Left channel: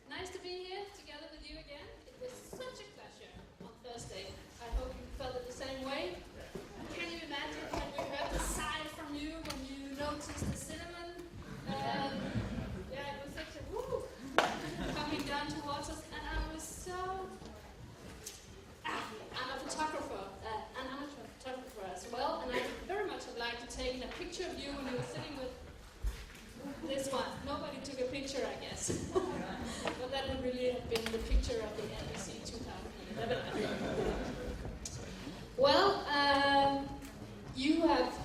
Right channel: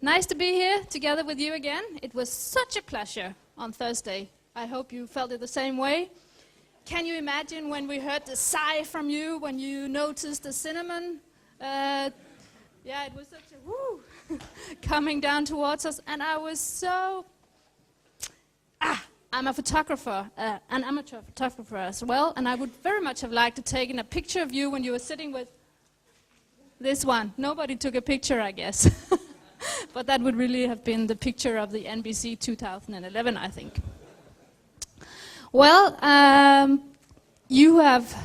Nice to be here together with you again. It was such a pleasure on Thursday. I hope you felt it the same way. Can you imagine when we heard the sigh from you, when you noticed the cinnamon? Yeah, it was such a woo, coming down towards us, and I was so... I'm a photographer, an amateur photographer as well, and I would very much have liked to take a picture of you when you were sitting with this one. Nobody took a picture, I guess. But that would really have been the picture of the NBC 2011, I think. Well, you have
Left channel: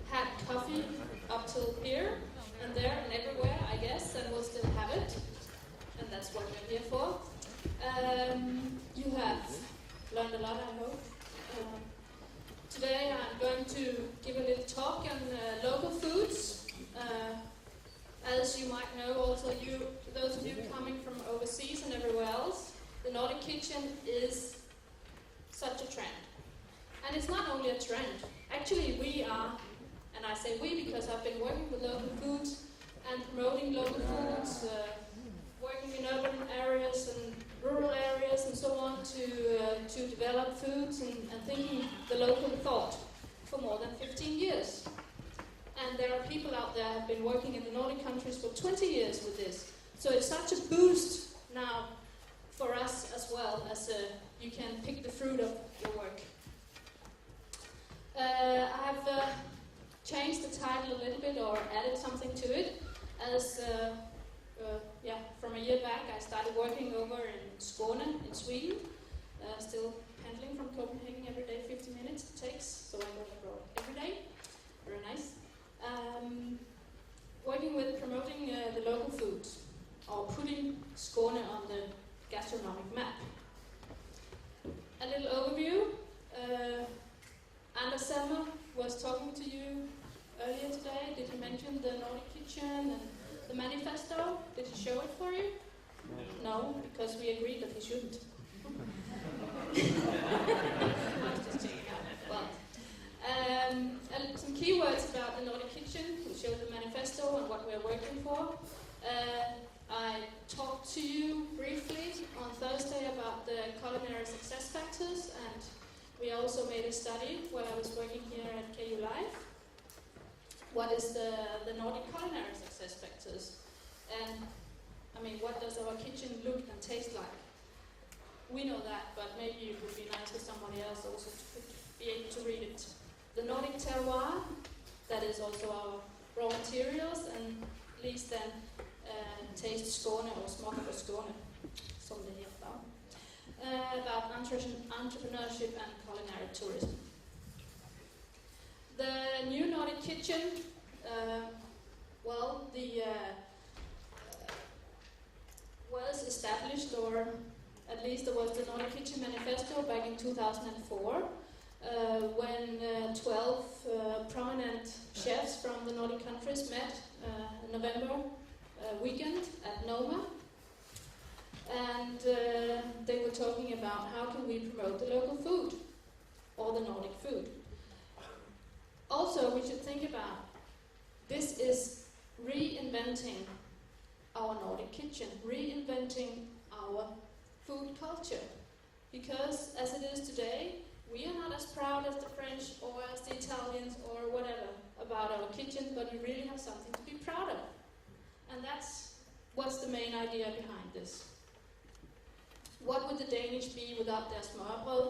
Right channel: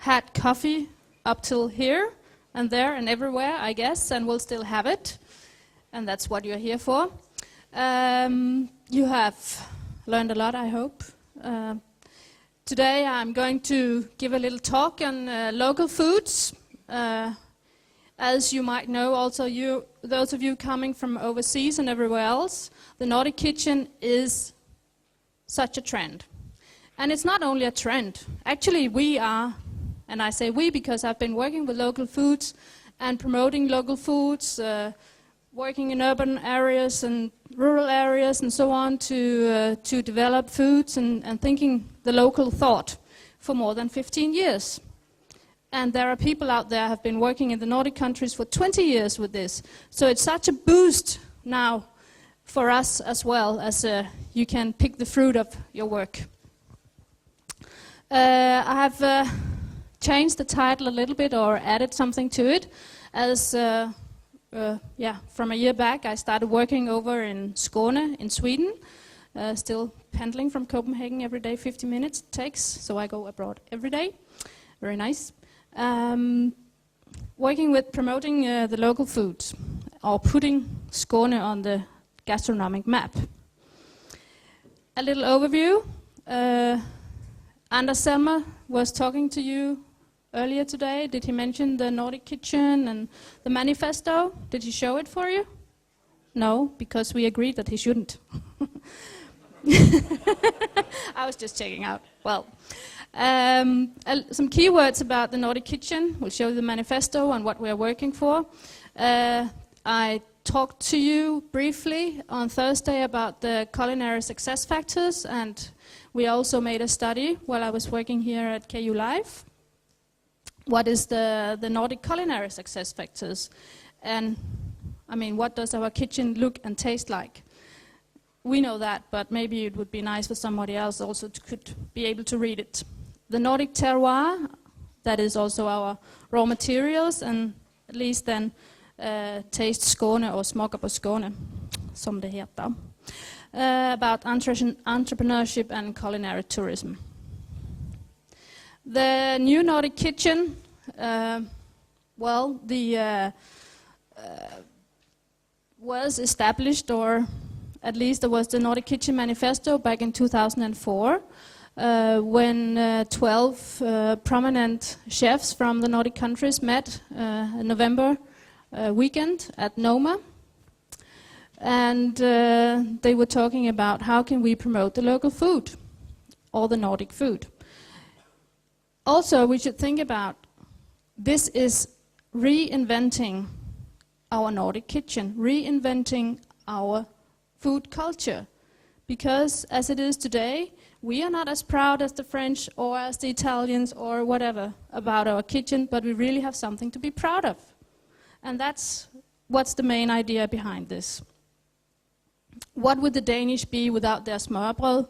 had coffee up till here and there and everywhere, I guess, and will still have it. And that's what you're here for. You have learned a lot, I hope. Today I'm going to give a little talk on local foods. As you might know, also those of you coming from overseas and everywhere else, the Nordic Kitchen is such a trend. And it's not only a trend. Actually, we are, and I say we because I've been working with local foods and promoting local foods, working in urban areas and rural areas and so on to develop foods and thinking the local thought for more than 15 years. And there are people out there who have been working in the Nordic countries for 20 years with this. So it's such a boost now for us as well, as you can pick the fruit of your work. I have changed the title a little bit or added something to it. As from a year back I started working over in Skåne in Sweden, still pendling from Copenhagen every day, 50 minutes it takes, so I go abroad every day. Very nice. Working with promoting the local foods, or putting Skåne on the gastronomic map. A little overview. Anders Selmer was talking to you earlier today. Did he mention the Nordic Kitchen and the manifesto? Did he show it for you? No, because we agreed that he shouldn't. I was just checking out. Well. Some keywords about the Nordic Kitchen. We'll show the manifesto and what we're working for. I talked to you briefly on Thursday about the culinary success factors, and we also made a study while I was working here at KU Live. What is the Nordic culinary success factors? And I mean, what does our kitchen look and taste like? We know that, but maybe it would be nice for somebody else also could be able to read it. The Nordic terroir, that is also our raw materials, and at least then taste Skåne or smaker på Skåne, som det heter. About entrepreneurship and culinary tourism. The new Nordic Kitchen, was established, or at least there was the Nordic Kitchen Manifesto back in 2004, when 12 prominent chefs from the Nordic countries met in November weekend at Noma. And they were talking about how can we promote the local food, or the Nordic food. Also, we should think about this is reinventing our Nordic kitchen, reinventing our food culture. Because as it is today, we are not as proud as the French or as the Italians or whatever about our kitchen, but we really have something to be proud of. And that's what's the main idea behind this. What would the Danish be without their smørrebrød?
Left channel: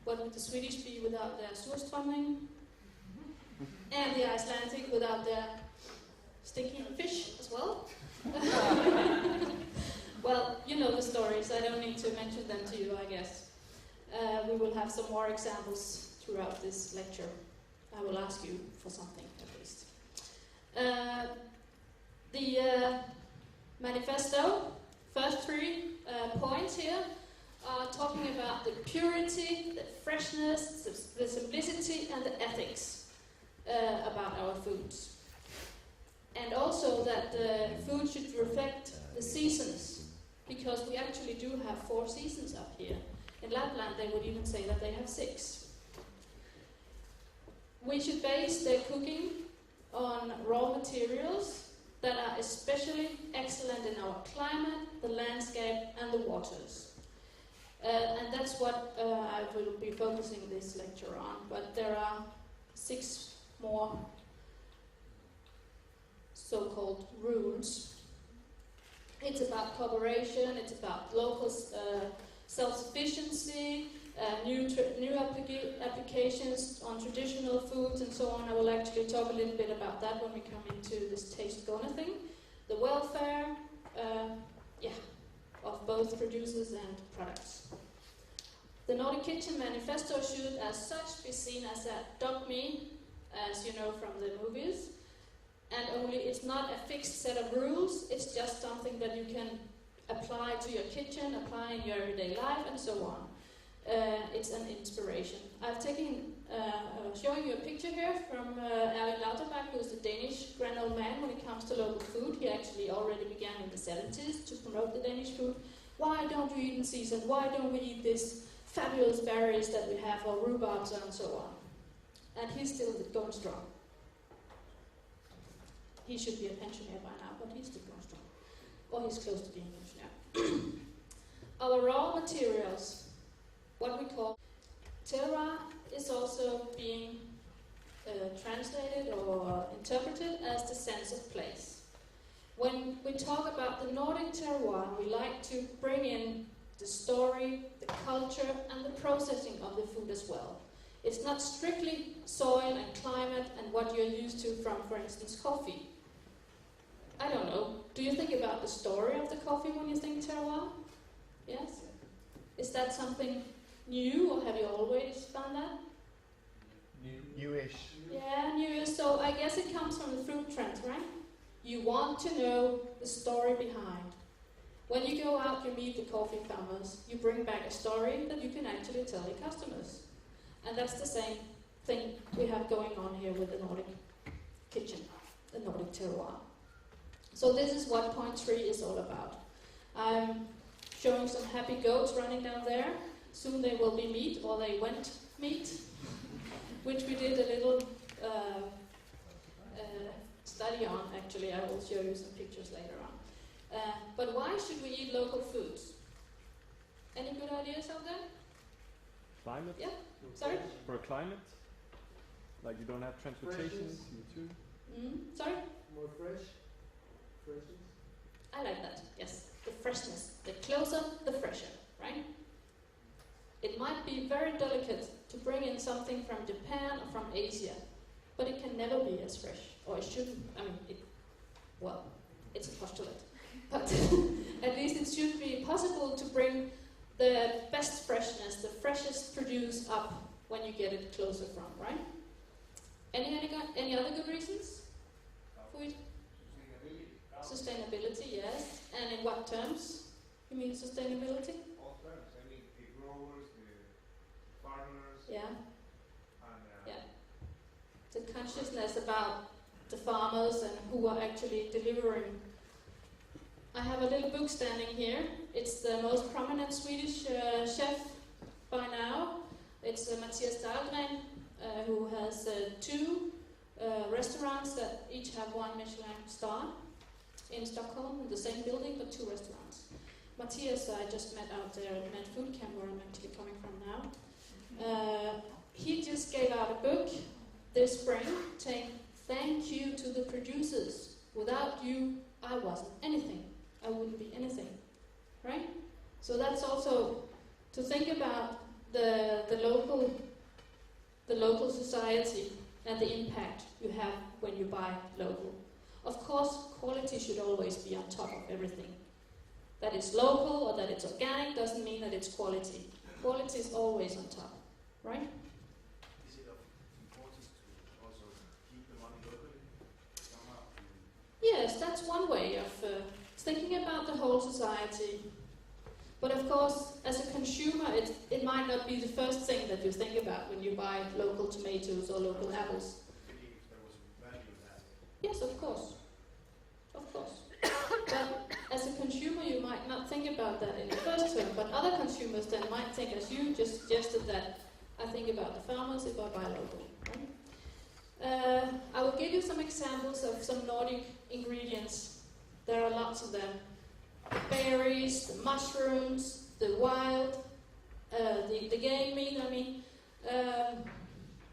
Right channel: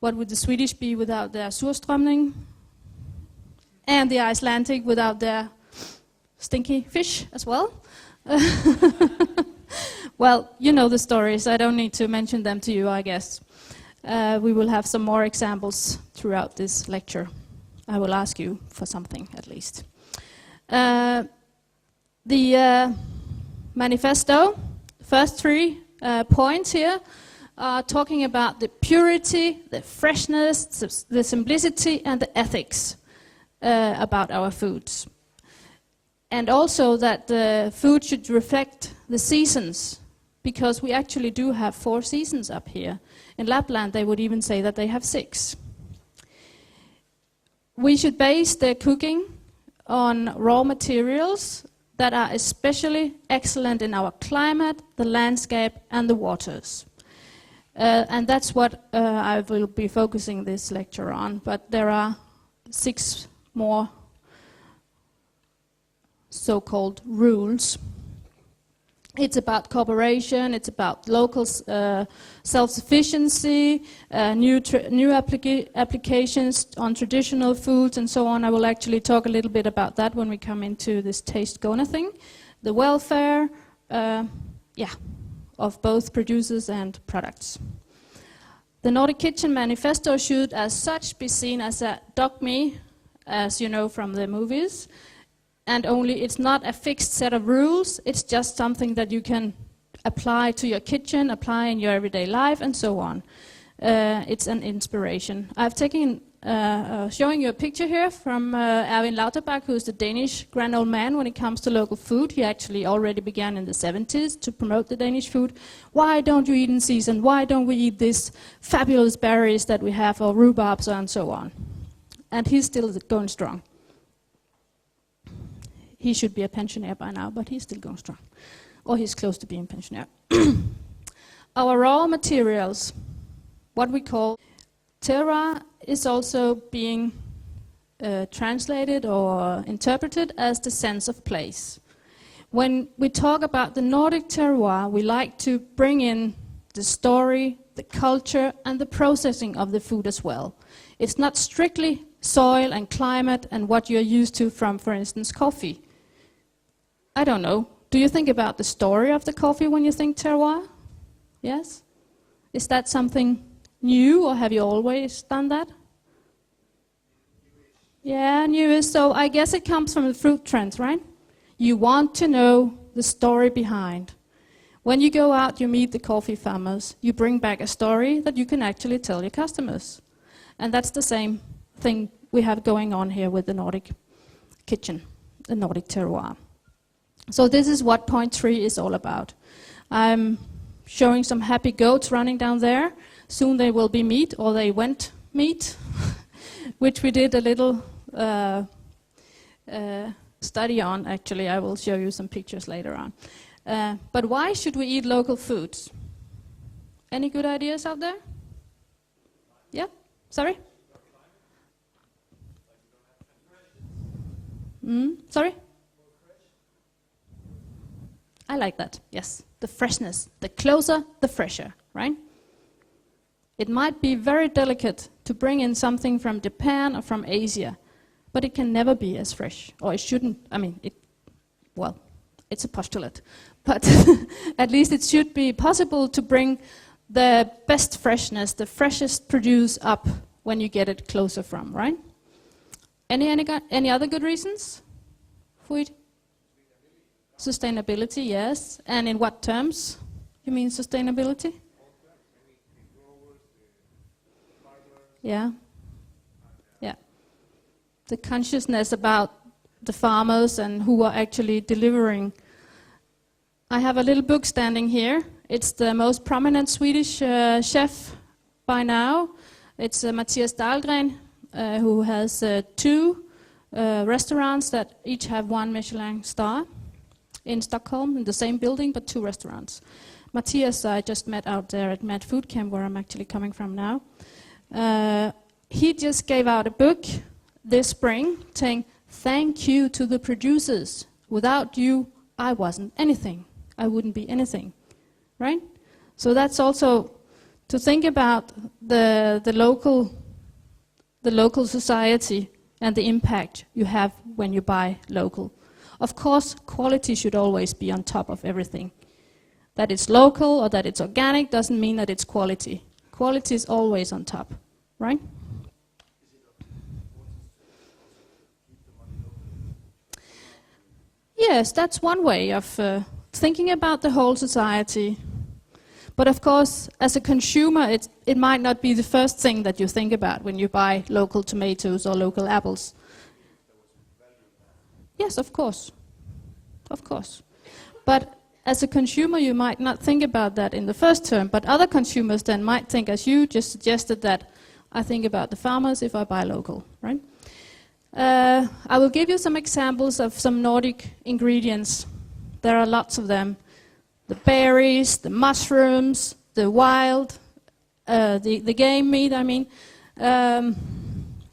What would the Swedish be without their surstrømning? And the Icelandic without their stinky fish as well? Well, you know the stories. I don't need to mention them to you, I guess. We will have some more examples throughout this lecture. I will ask you for something, at least. The manifesto, first 3 points here, are talking about the purity, the freshness, the simplicity, and the ethics about our foods. And also that the food should reflect the seasons, because we actually do have 4 seasons up here. In Lapland, they would even say that they have 6. We should base the cooking on raw materials that are especially excellent in our climate, the landscape, and the waters. And that's what I will be focusing this lecture on, but there are 6 more so-called rules. It's about cooperation, it's about local self-sufficiency, new applications on traditional foods and so on. I will actually talk a little bit about that when we come into this Taste Skåne thing. The welfare, of both producers and products. The Nordic Kitchen Manifesto should as such be seen as a dogme, as you know from the movies, and only it's not a fixed set of rules, it's just something that you can apply to your kitchen, apply in your everyday life, and so on. It's an inspiration. I've taken, showing you a picture here from Erwin Lauterbach, who's the Danish grand old man when it comes to local food. He actually already began in the 70s to promote the Danish food. Why don't you eat in season? Why don't we eat these fabulous berries that we have, or rhubarbs and so on? And he's still going strong. He should be a pensioner by now, but he's still going strong. Or he's close to being pensioner. Our raw materials, what we call terroir, is also being translated or interpreted as the sense of place. When we talk about the Nordic terroir, we like to bring in the story, the culture, and the processing of the food as well. It's not strictly soil and climate and what you're used to from, for instance, coffee. I don't know. Do you think about the story of the coffee when you think terroir? Yes? Is that something new, or have you always done that? Newish. Yeah, newish. So I guess it comes from the fruit trends, right? You want to know the story behind. When you go out, you meet the coffee farmers. You bring back a story that you can actually tell your customers. And that's the same thing we have going on here with the Nordic Kitchen, the Nordic terroir. So this is what point 3 is all about. I'm showing some happy goats running down there. Soon they will be meat, or they went meat, which we did a little study on, actually. I will show you some pictures later on. But why should we eat local foods? Any good ideas out there? Climate? Yeah? Sorry? For a climate? Like you don't have transportation? Sorry? More fresh. I like that, yes. The freshness. The closer, the fresher, right? It might be very delicate to bring in something from Japan or from Asia, but it can never be as fresh, or it shouldn't. I mean, it's a postulate, but at least it should be possible to bring the best freshness, the freshest produce up when you get it closer from, right? Any other good reasons for it? Sustainability, yes. And in what terms you mean sustainability? Yeah. Yeah. The consciousness about the farmers and who are actually delivering. I have a little book standing here. It's the most prominent Swedish chef by now. It's Mattias Dahlgren, who has 2 restaurants that each have 1 Michelin star in Stockholm, in the same building, but 2 restaurants. Mattias I just met out there at Mad Food Camp, where I'm actually coming from now. He just gave out a book this spring saying, thank you to the producers. Without you, I wasn't anything. I wouldn't be anything, right? So that's also to think about the local society and the impact you have when you buy local. Of course, quality should always be on top of everything. That it's local or that it's organic doesn't mean that it's quality. Quality is always on top, right? Yes, that's one way of thinking about the whole society. But of course, as a consumer, it might not be the first thing that you think about when you buy local tomatoes or local apples. Yes, of course. Of course. But as a consumer, you might not think about that in the first term, but other consumers then might think, as you just suggested, that I think about the farmers if I buy local, right? I will give you some examples of some Nordic ingredients. There are lots of them. The berries, the mushrooms, the wild, the game meat, I mean.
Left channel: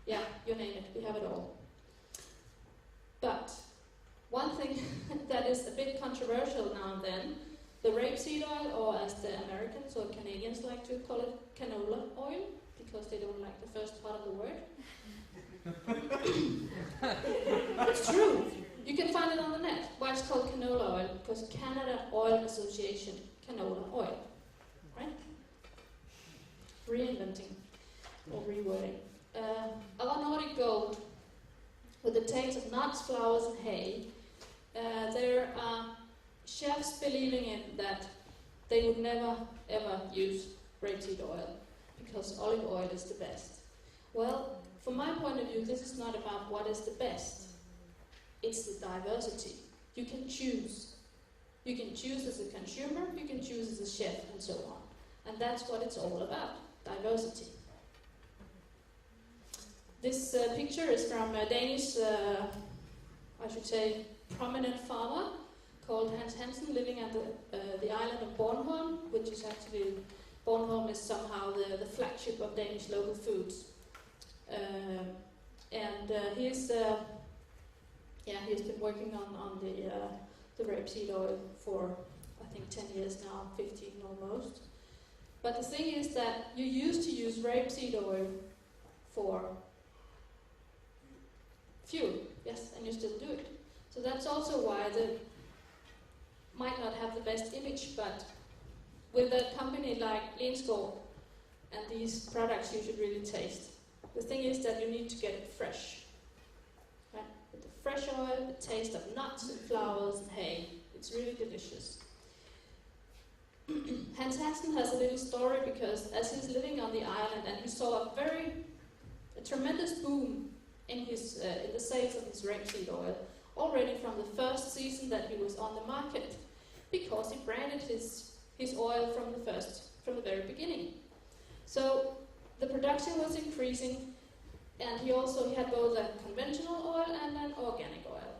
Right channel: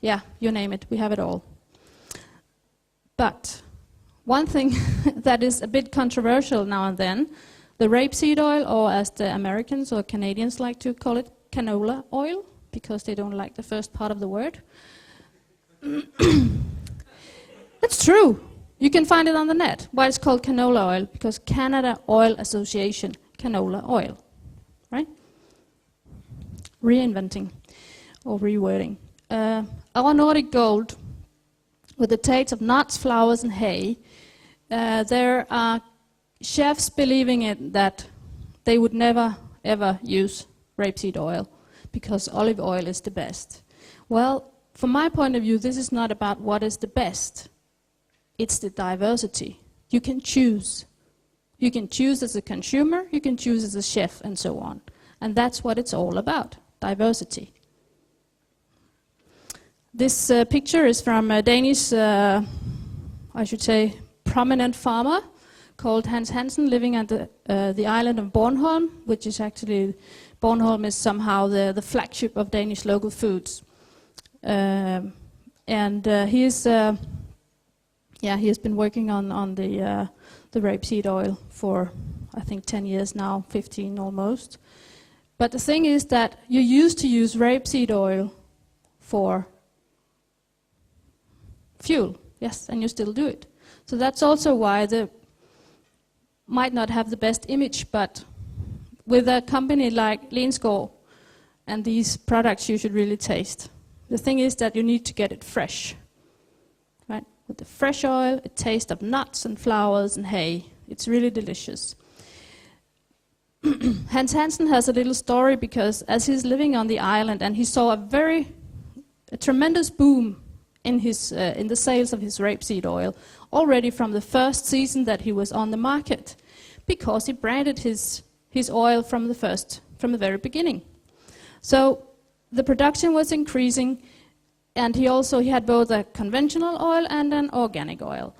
Yeah, you name it, we have it all. But one thing that is a bit controversial now and then, the rapeseed oil, or as the Americans or Canadians like to call it, canola oil, because they don't like the first part of the word. It's true. You can find it on the net. Why it's called canola oil? Because Canada Oil Association, canola oil, right? Reinventing or rewording. Our Nordic gold, with the taste of nuts, flowers, and hay, there are chefs believing it that they would never ever use rapeseed oil because olive oil is the best. Well, from my point of view, this is not about what is the best. It's the diversity. You can choose. You can choose as a consumer, you can choose as a chef, and so on. And that's what it's all about, diversity. This picture is from a Danish, I should say, prominent farmer called Hans Hansen, living at the island of Bornholm, which is actually, Bornholm is somehow the flagship of Danish local foods. He has been working on the rapeseed oil for, I think, 10 years now, 15 almost. But the thing is that you used to use rapeseed oil for fuel, yes, and you still do it. So that's also why they might not have the best image, but with a company like Lensgaard and these products you should really taste. The thing is that you need to get it fresh, right? With the fresh oil, it tastes of nuts and flowers and hay. It's really delicious. Hans Hansen has a little story because as he's living on the island and he saw a tremendous boom in the sales of his rapeseed oil already from the first season that he was on the market, because he branded his oil from the very beginning. So the production was increasing, and he had both a conventional oil and an organic oil.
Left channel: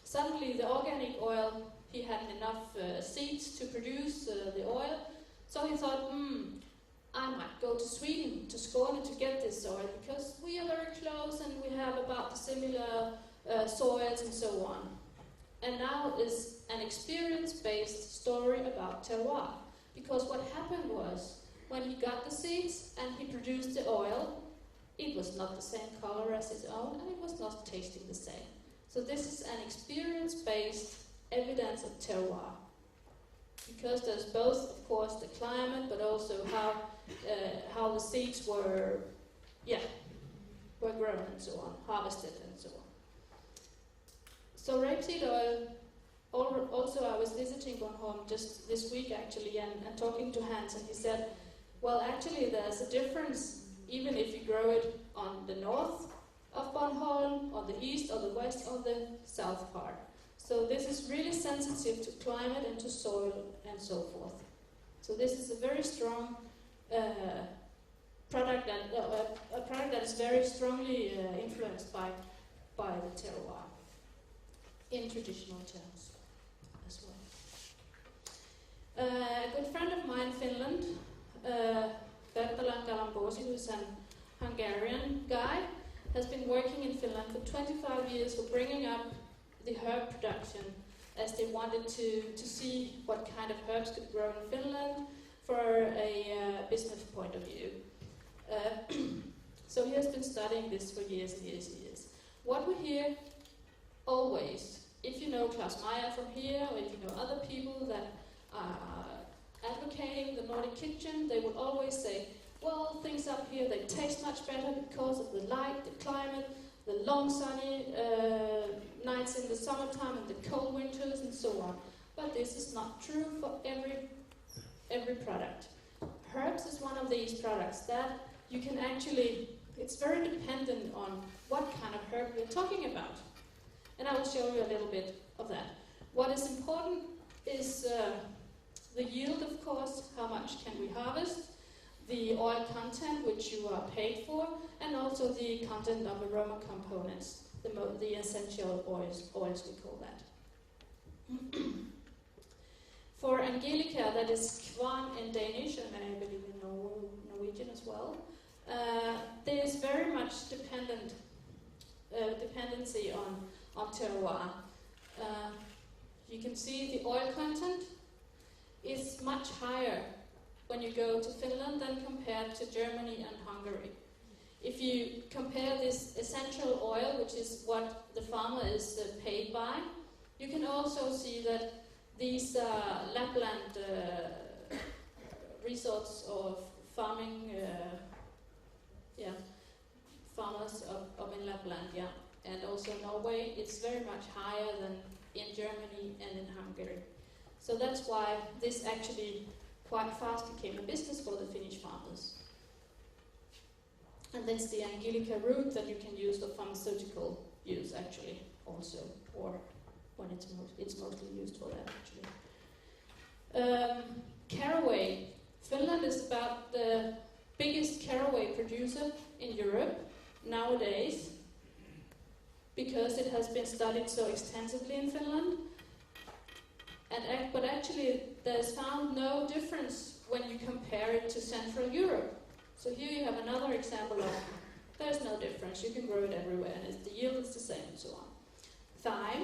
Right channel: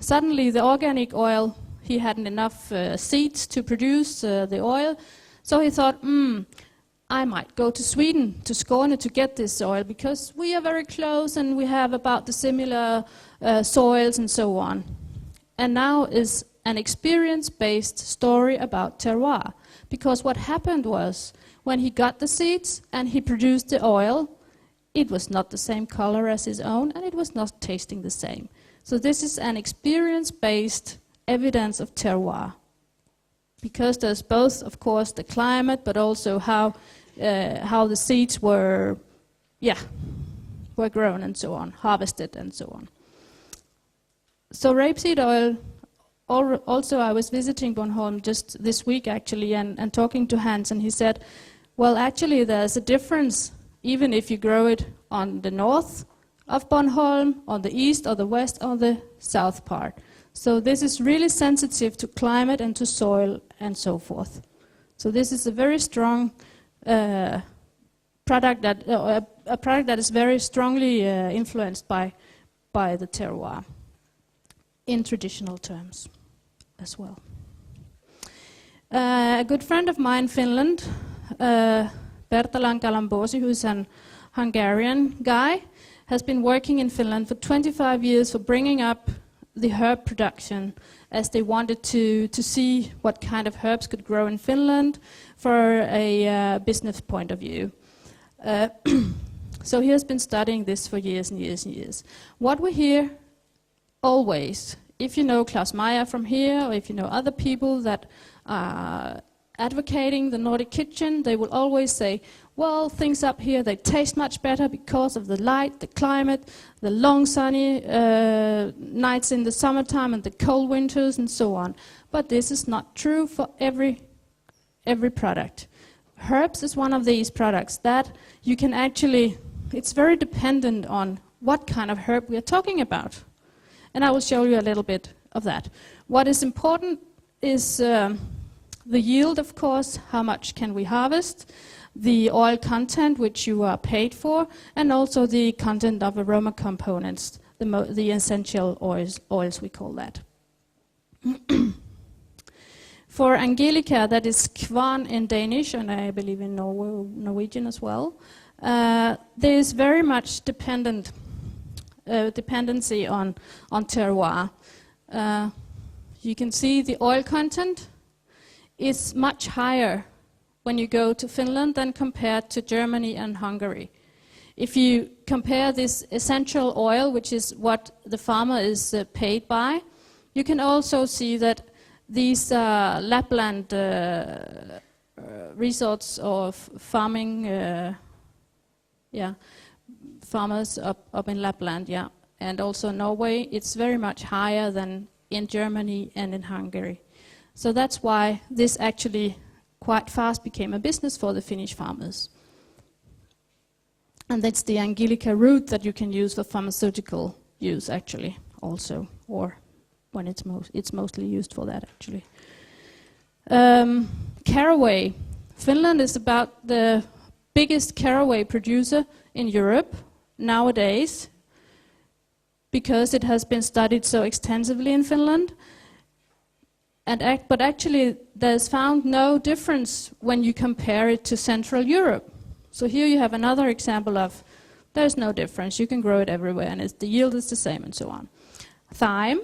Suddenly the organic oil, he hadn't enough seeds to produce the oil, so he thought, I might go to Sweden, to Skåne, to get this oil, because we are very close and we have about the similar soils and so on. And now is an experience-based story about terroir, because what happened was, when he got the seeds and he produced the oil, it was not the same color as his own, and it was not tasting the same. So this is an experience-based evidence of terroir, because there's both, of course, the climate, but also how the seeds were grown and so on, harvested and so on. So rapeseed oil, also I was visiting Bornholm just this week actually and talking to Hans, and he said, well, actually there's a difference even if you grow it on the north of Bornholm, on the east or the west or the south part. So this is really sensitive to climate and to soil and so forth. So this is a very strong product that is very strongly influenced by the terroir in traditional terms as well. A good friend of mine in Finland, Bertalan Kalambosi, who's an Hungarian guy, has been working in Finland for 25 years for bringing up the herb production, as they wanted to see what kind of herbs could grow in Finland for a business point of view. So he has been studying this for years and years and years. What we hear always, if you know Klaus Meyer from here, or if you know other people that are advocating the Nordic Kitchen, they will always say, well, things up here, they taste much better because of the light, the climate, the long sunny nights in the summertime and the cold winters and so on. But this is not true for every product. Herbs is one of these products that you can actually, it's very dependent on what kind of herb we are talking about. And I will show you a little bit of that. What is important is the yield, of course, how much can we harvest, the oil content which you are paid for, and also the content of aroma components, the essential oils we call that. For Angelica, that is kvarn in Danish, and I believe in Norwegian as well, there is very much dependency on terroir. You can see the oil content is much higher when you go to Finland than compared to Germany and Hungary. If you compare this essential oil, which is what the farmer is paid by, you can also see that these Lapland resorts of farming, farmers up in Lapland, and also Norway, it's very much higher than in Germany and in Hungary. So that's why this actually quite fast became a business for the Finnish farmers. And that's the Angelica root that you can use for pharmaceutical use actually also, or when it's mostly used for that actually. Caraway. Finland is about the biggest caraway producer in Europe nowadays because it has been studied so extensively in Finland. But actually there's found no difference when you compare it to Central Europe. So here you have another example of there's no difference, you can grow it everywhere and the yield is the same and so on. Thyme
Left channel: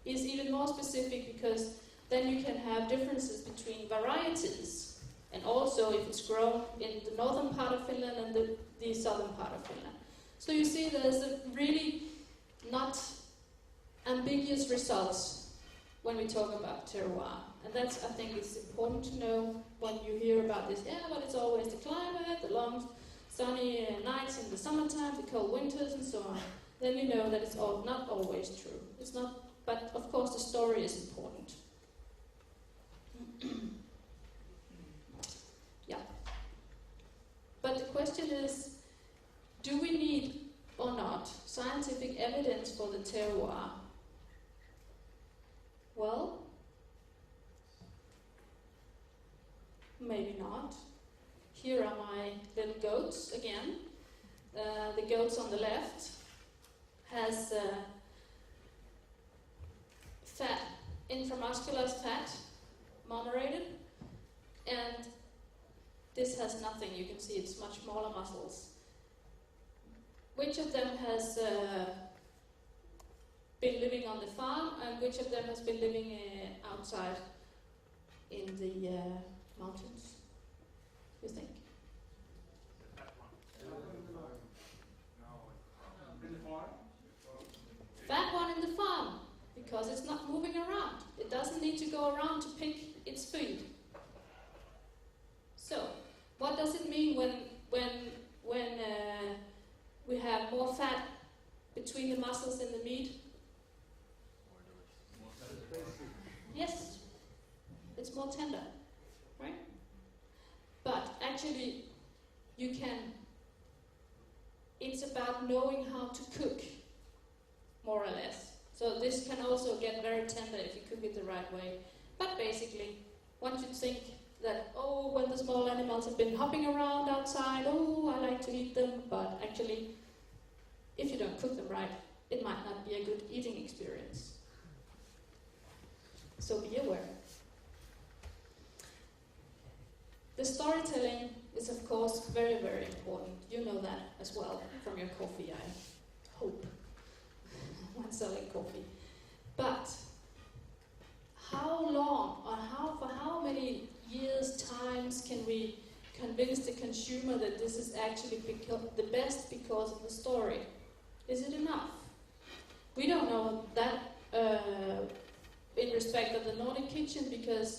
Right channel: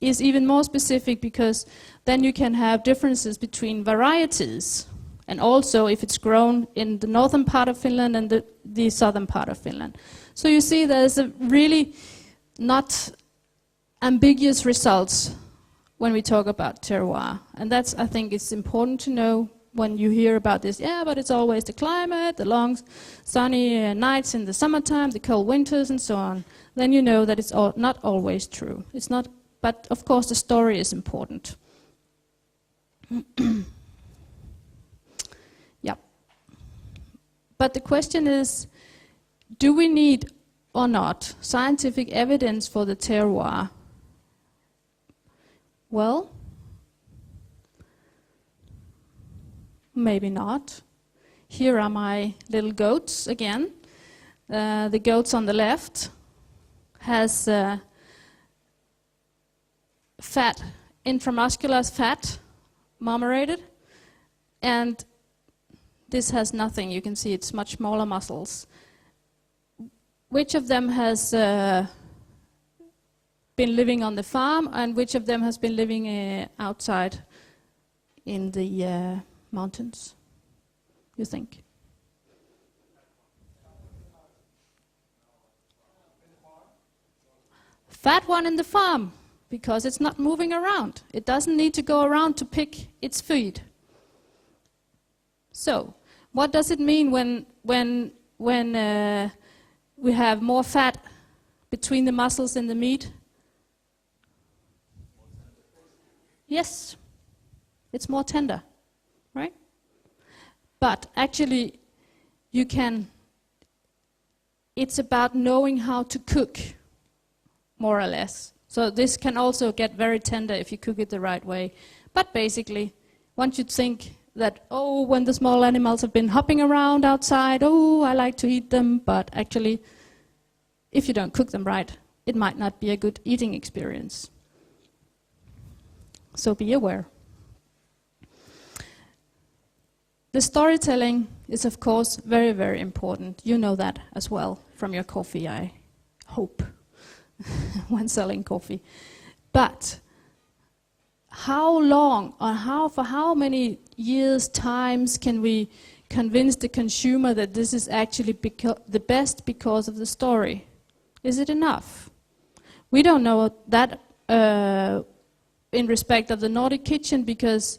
is even more specific because then you can have differences between varieties, and also if it's grown in the northern part of Finland and the southern part of Finland. So you see there's a really not ambiguous results when we talk about terroir, and that's, I think it's important to know when you hear about this, but it's always the climate, the long sunny nights in the summertime, the cold winters and so on. Then you know that it's not always true. It's not, but of course the story is important. Yeah. But the question is, do we need or not scientific evidence for the terroir? Well, maybe not. Here are my little goats again. The goats on the left has fat, intramuscular fat, marmorated, and this has nothing. You can see it's much smaller muscles. Which of them has been living on the farm, and which of them has been living outside in the mountains, you think? Fat one in the farm, because it's not moving around. It doesn't need to go around to pick its food. So, what does it mean when we have more fat between the muscles and the meat? Yes, it's more tender, right? But actually, it's about knowing how to cook, more or less. So this can also get very tender if you cook it the right way. But basically, one should think that, when the small animals have been hopping around outside, I like to eat them, but actually, if you don't cook them right, it might not be a good eating experience. So be aware. The storytelling is, of course, very, very important. You know that as well from your coffee, I hope, when selling coffee. But how long, or for how many years, times can we convince the consumer that this is actually the best because of the story? Is it enough? We don't know that in respect of the Nordic Kitchen, because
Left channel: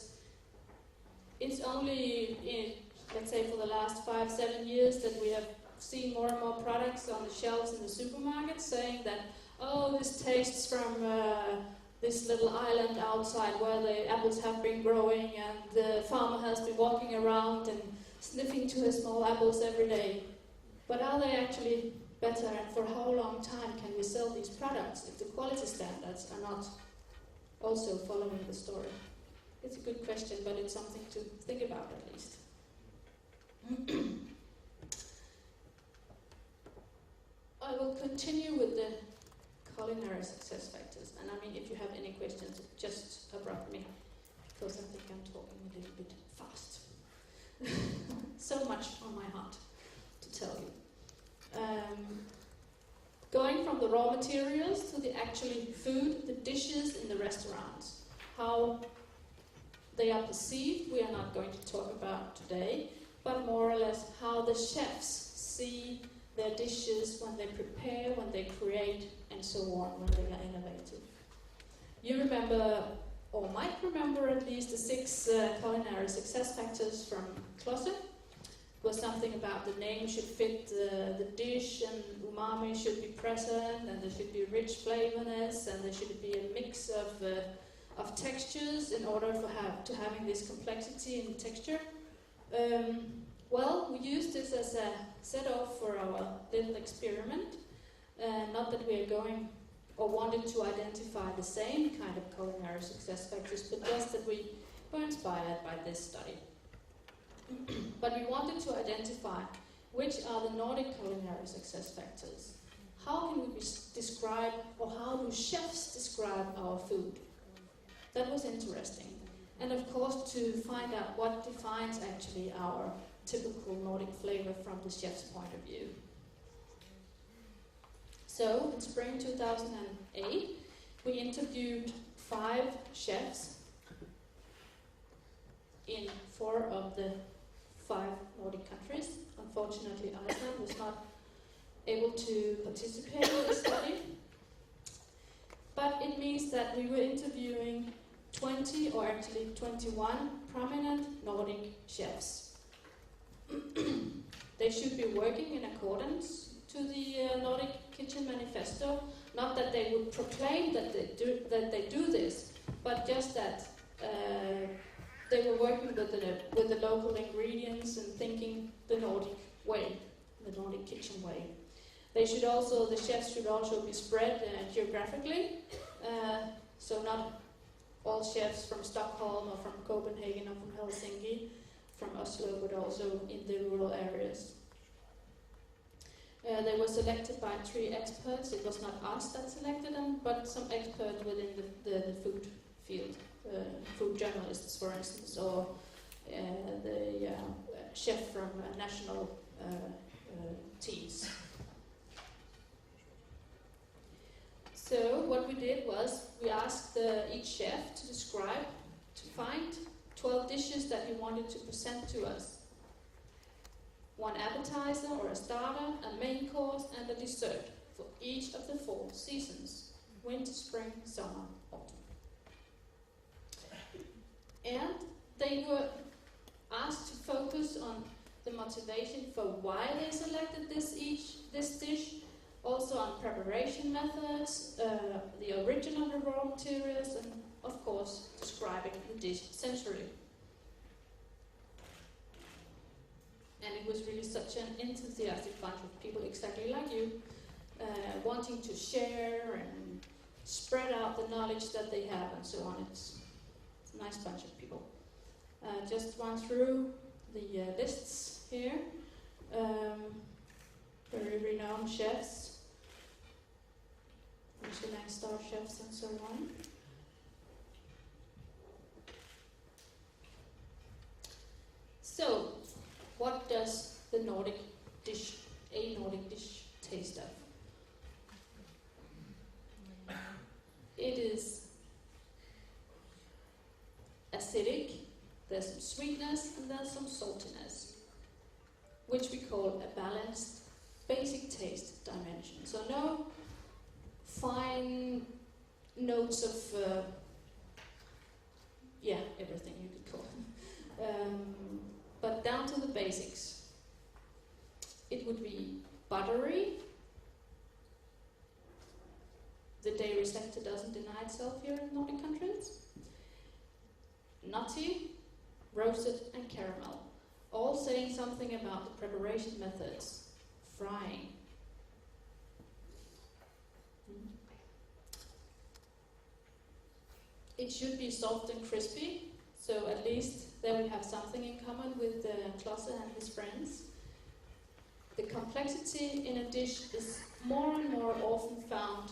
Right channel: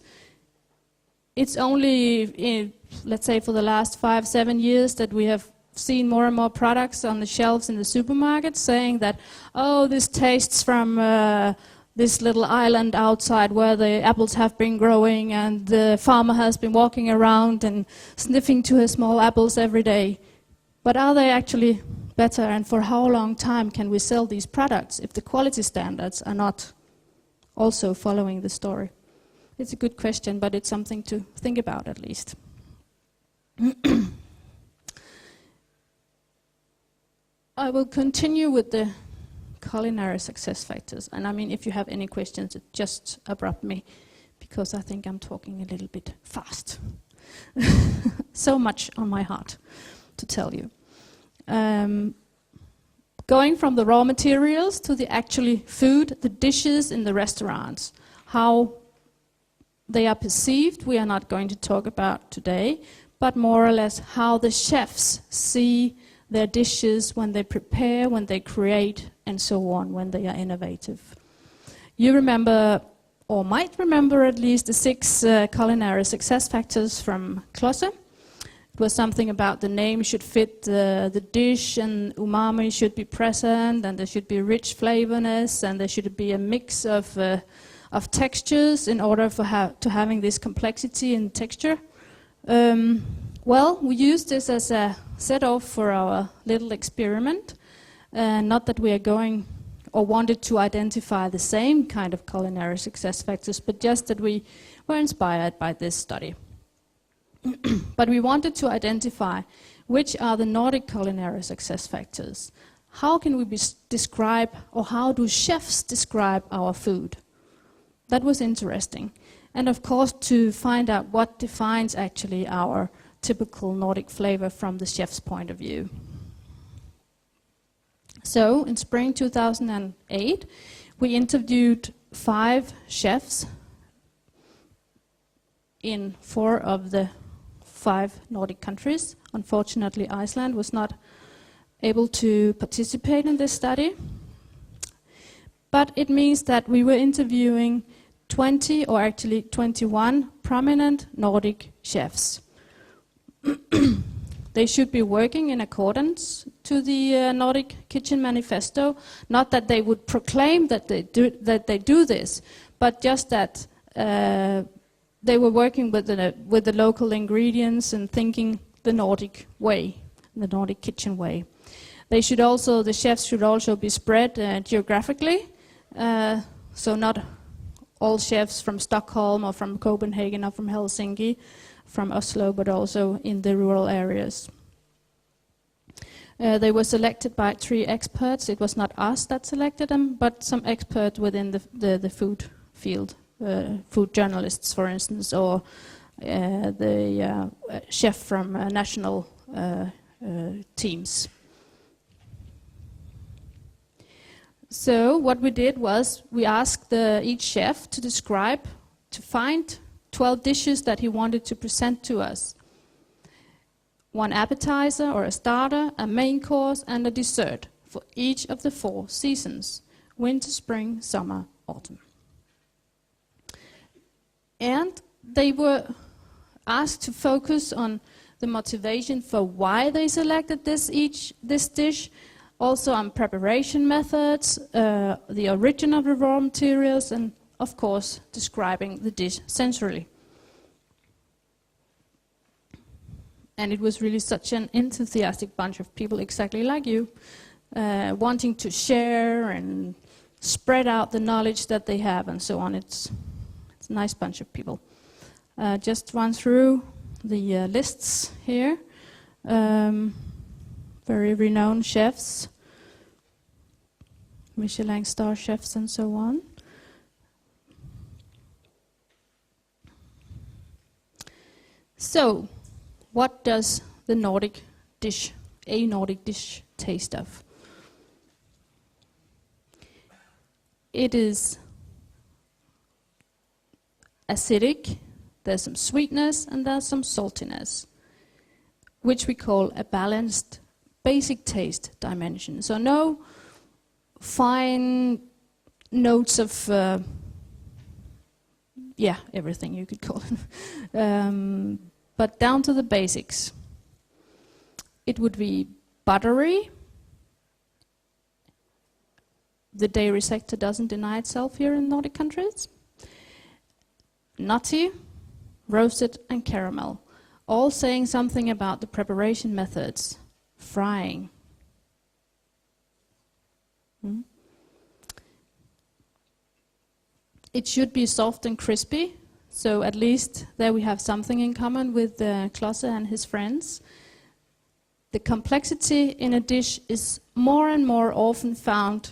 it's only, let's say, for the last 5-7 years that we have seen more and more products on the shelves in the supermarkets saying that, this tastes from this little island outside where the apples have been growing, and the farmer has been walking around and sniffing to his small apples every day. But are they actually better, and for how long time can we sell these products if the quality standards are not also following the story? It's a good question, but it's something to think about at least. I will continue with the culinary success factors. And I mean, if you have any questions, just abrupt me, because I think I'm talking a little bit fast. So much on my heart to tell you. Going from the raw materials to the actually food, the dishes in the restaurants, how they are perceived, we are not going to talk about today, but more or less how the chefs see their dishes when they prepare, when they create, and so on, when they are innovative. You remember, or might remember at least, the 6 culinary success factors from Klosse. It was something about the name should fit the dish, and umami should be present, and there should be rich flavorness, and there should be a mix of textures in order for to having this complexity in texture. Well, we used this as a set-off for our little experiment. Not that we are going or wanted to identify the same kind of culinary success factors, but just that we were inspired by this study. But we wanted to identify which are the Nordic culinary success factors. How can we describe, or how do chefs describe our food? That was interesting. And of course, to find out what defines actually our typical Nordic flavor from the chef's point of view. So, in spring 2008, we interviewed 5 chefs in 4 of the 5 Nordic countries. Unfortunately, Iceland was not able to participate in this study. But it means that we were interviewing 20, or actually 21, prominent Nordic chefs. They should be working in accordance to the Nordic Kitchen Manifesto. Not that they would proclaim that they do this, but just that they were working with the local ingredients and thinking the Nordic way, the Nordic kitchen way. The chefs should also be spread geographically, so not all chefs from Stockholm or from Copenhagen or from Helsinki, from Oslo, but also in the rural areas. They were selected by 3 experts. It was not us that selected them, but some expert within the food field, food journalists, for instance, or the chef from national teams. So what we did was we asked each chef to find 12 dishes that he wanted to present to us. 1 appetizer or a starter, a main course, and a dessert for each of the 4 seasons: winter, spring, summer, autumn. And they were asked to focus on the motivation for why they selected this dish, also on preparation methods, the origin of the raw materials, and of course describing the dish sensorily. And it was really such an enthusiastic bunch of people, exactly like you, wanting to share and spread out the knowledge that they have and so on. It's a nice bunch of people. Just run through the lists here. Very renowned chefs, Michelin star chefs and so on. So, what does the Nordic dish, a Nordic dish, taste of? It is acidic, there's some sweetness, and there's some saltiness, which we call a balanced basic taste dimension. So no fine notes of, everything you could call it. But down to the basics. It would be buttery. The dairy sector doesn't deny itself here in Nordic countries. Nutty, roasted, and caramel, all saying something about the preparation methods. Frying. It should be soft and crispy, So at least there we have something in common with Klosse and his friends. The complexity in a dish is more and more often found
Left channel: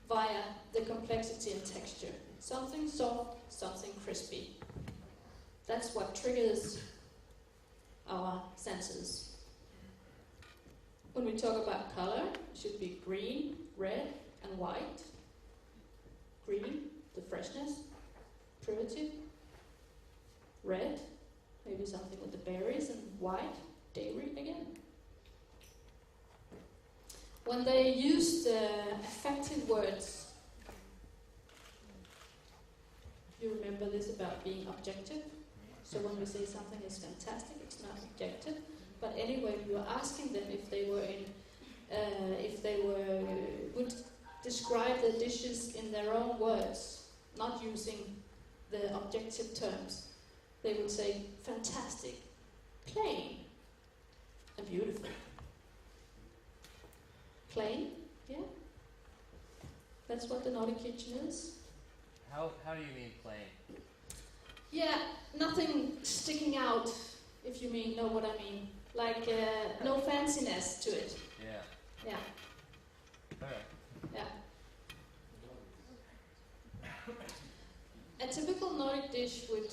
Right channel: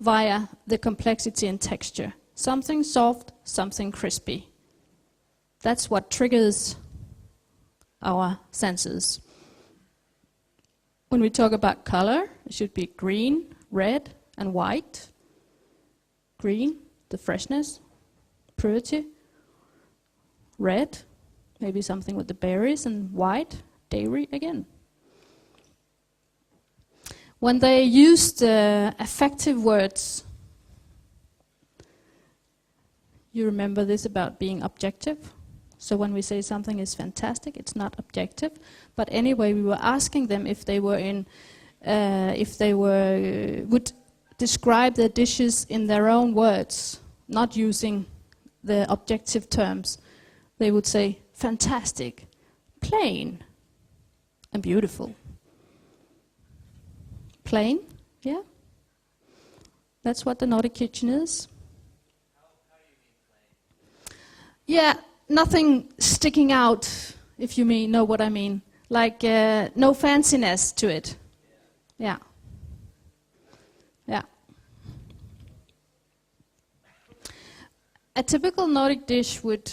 via the complexity in texture. Something soft, something crispy. That's what triggers our senses. When we talk about color, it should be green, red, and white. Green, the freshness, purity. Red, maybe something with the berries, and white, dairy again. When they used affective words, you remember this about being objective? So when we say something is fantastic, it's not objective. But anyway, we were asking them if they were would describe their dishes in their own words, not using the objective terms. They would say fantastic, plain, and beautiful. Plain, yeah. That's what the Nordic Kitchen is. How do you mean plain? Yeah, nothing sticking out, if you know what I mean. Like no fanciness to it. Yeah. Yeah. Yeah. A typical Nordic dish would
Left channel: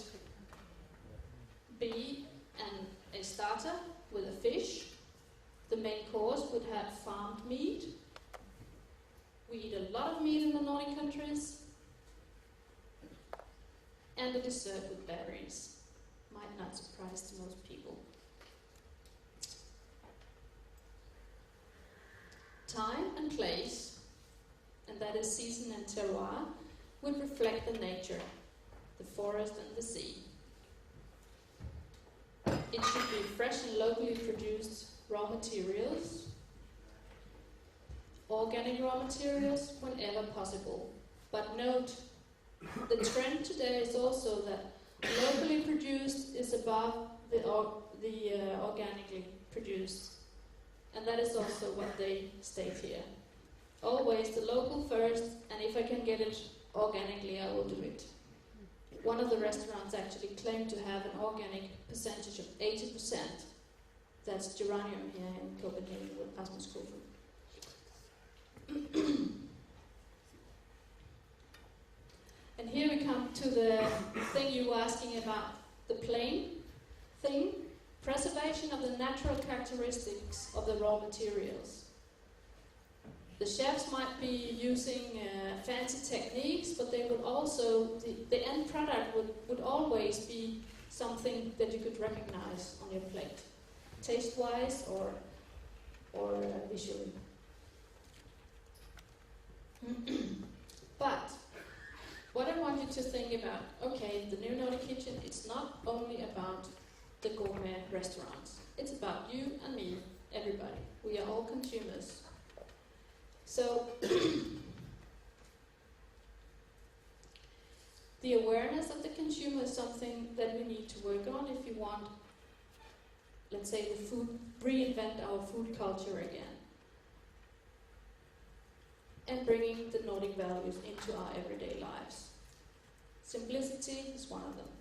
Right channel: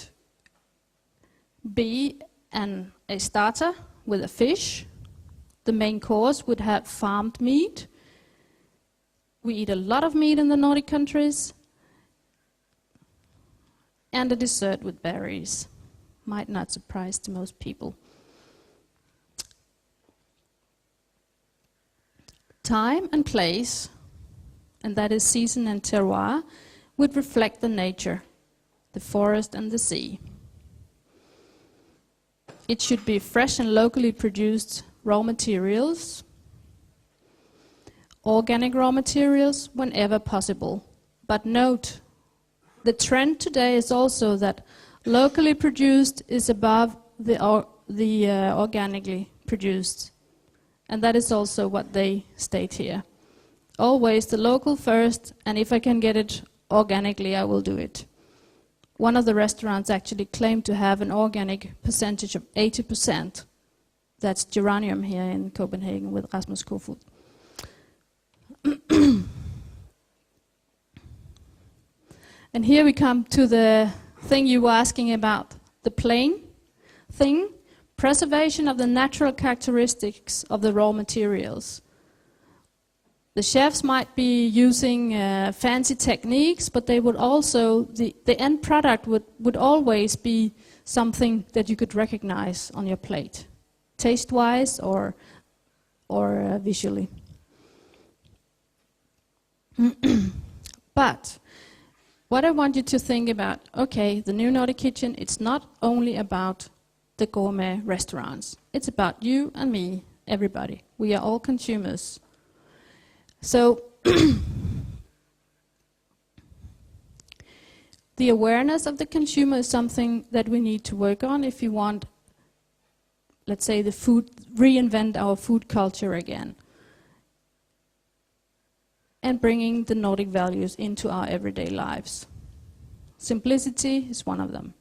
be a starter with a fish. The main course would have farmed meat. We eat a lot of meat in the Nordic countries. And a dessert with berries. Might not surprise to most people. Time and place, and that is season and terroir, would reflect the nature, the forest and the sea. It should be fresh and locally produced raw materials, organic raw materials whenever possible. But note, the trend today is also that locally produced is above the organically produced. And that is also what they state here. Always the local first, and if I can get it organically, I will do it. One of the restaurants actually claimed to have an organic percentage of 80%. That's geranium here in Copenhagen with Rasmus Kofoed. And here we come to the thing you were asking about, the plain thing. Preservation of the natural characteristics of the raw materials. The chefs might be using fancy techniques, but they would also, the end product would always be something that you could recognize on your plate, taste-wise or visually. But what I want you to think about, okay, the new Nordic Kitchen, it's not only about the gourmet restaurants. It's about you and me, everybody. We are all consumers. So the awareness of the consumer is something that we need to work on if you want, let's say, the food, reinvent our food culture again. And bringing the Nordic values into our everyday lives. Simplicity is one of them.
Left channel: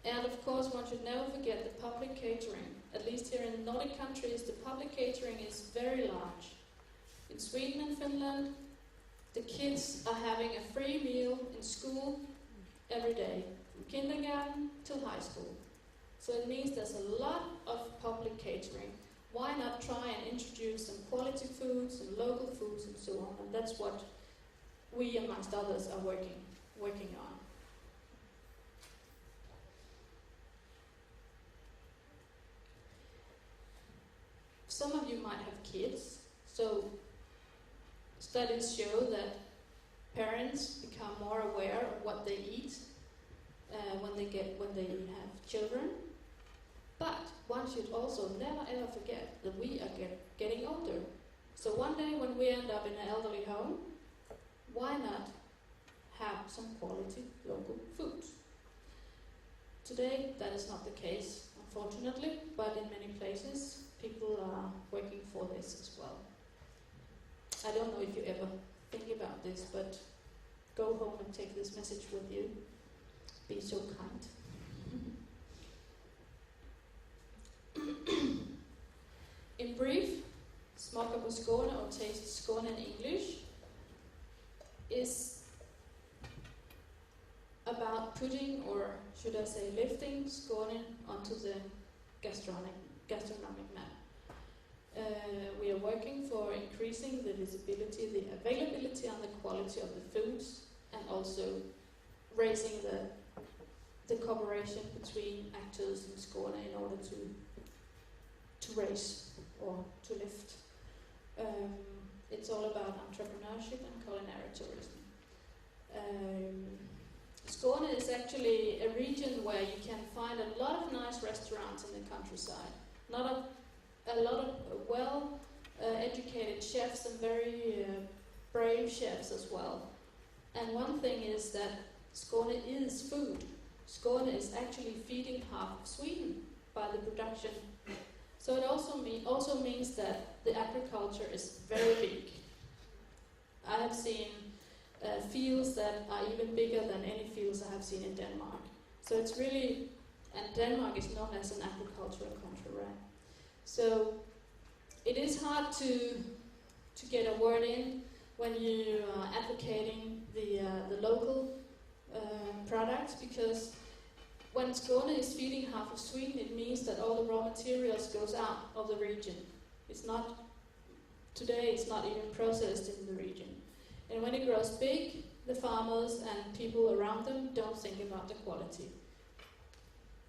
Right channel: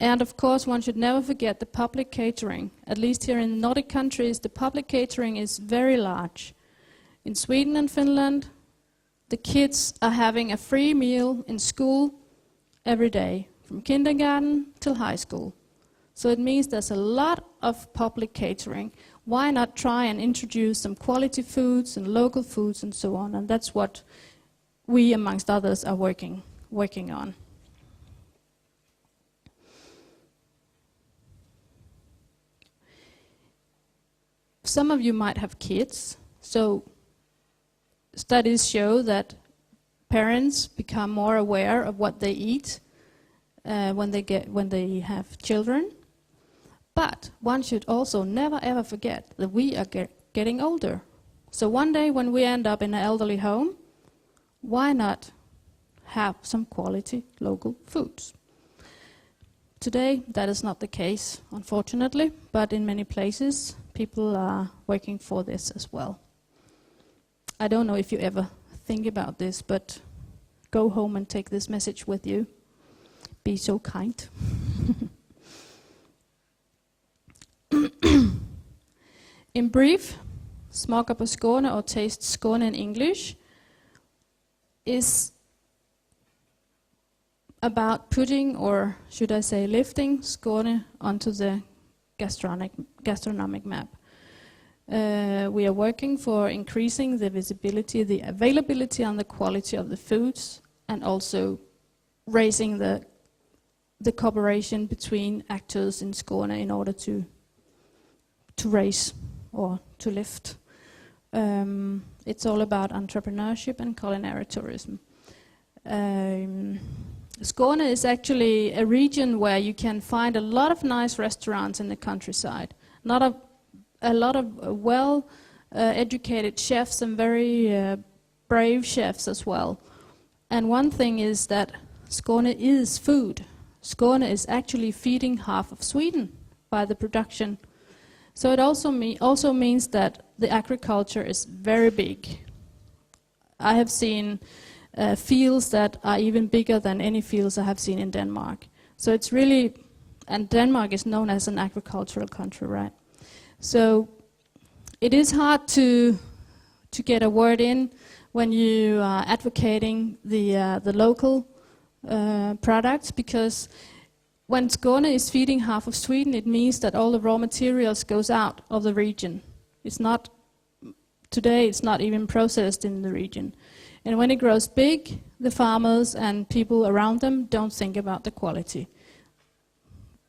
And of course, one should never forget the public catering. At least here in Nordic countries, the public catering is very large. In Sweden and Finland, the kids are having a free meal in school every day, from kindergarten till high school. So it means there's a lot of public catering. Why not try and introduce some quality foods and local foods and so on? And that's what we, amongst others, are working on. Some of you might have kids, so studies show that parents become more aware of what they eat when they have children. But one should also never ever forget that we are getting older. So one day when we end up in an elderly home, why not have some quality local foods? Today that is not the case, unfortunately, but in many places people are working for this as well. I don't know if you ever think about this, but go home and take this message with you. be so kind. In brief, Smaka på Skåne, or Taste Skåne in English, is about putting, or should I say lifting, Skåne onto the gastronomic map. We are working for increasing the visibility, the availability and the quality of the foods, and also raising the cooperation between actors in Skåne in order to raise or to lift. It's all about entrepreneurship and culinary tourism. Skåne is actually a region where you can find a lot of nice restaurants in the countryside. A lot of well educated chefs and very brave chefs as well. And one thing is that Skåne is food. Skåne is actually feeding half of Sweden by the production. So it also means that the agriculture is very big. I have seen fields that are even bigger than any fields I have seen in Denmark. So it's really, and Denmark is known as an agricultural country, right? So it is hard to get a word in when you are advocating the local products, because when Skåne is feeding half of Sweden, it means that all the raw materials goes out of the region. Today it's not even processed in the region. And when it grows big, the farmers and people around them don't think about the quality.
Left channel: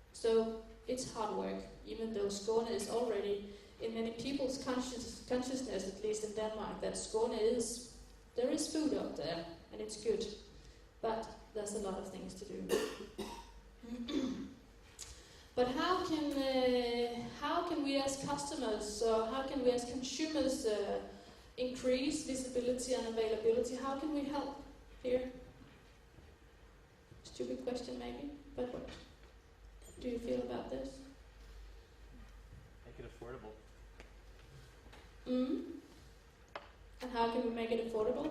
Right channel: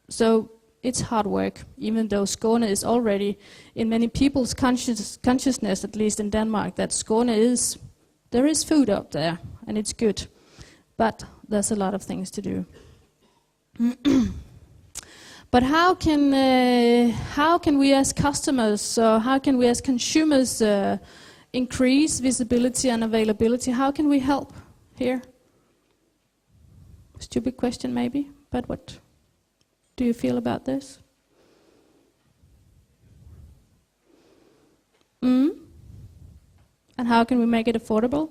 So it's hard work, even though Skåne is already in many people's consciousness, at least in Denmark, that Skåne there is food up there, and it's good. But there's a lot of things to do. But how can we as customers, or how can we as consumers increase visibility and availability? How can we help here? Stupid question maybe, but what do you feel about this? Make it affordable. And how can we make it affordable?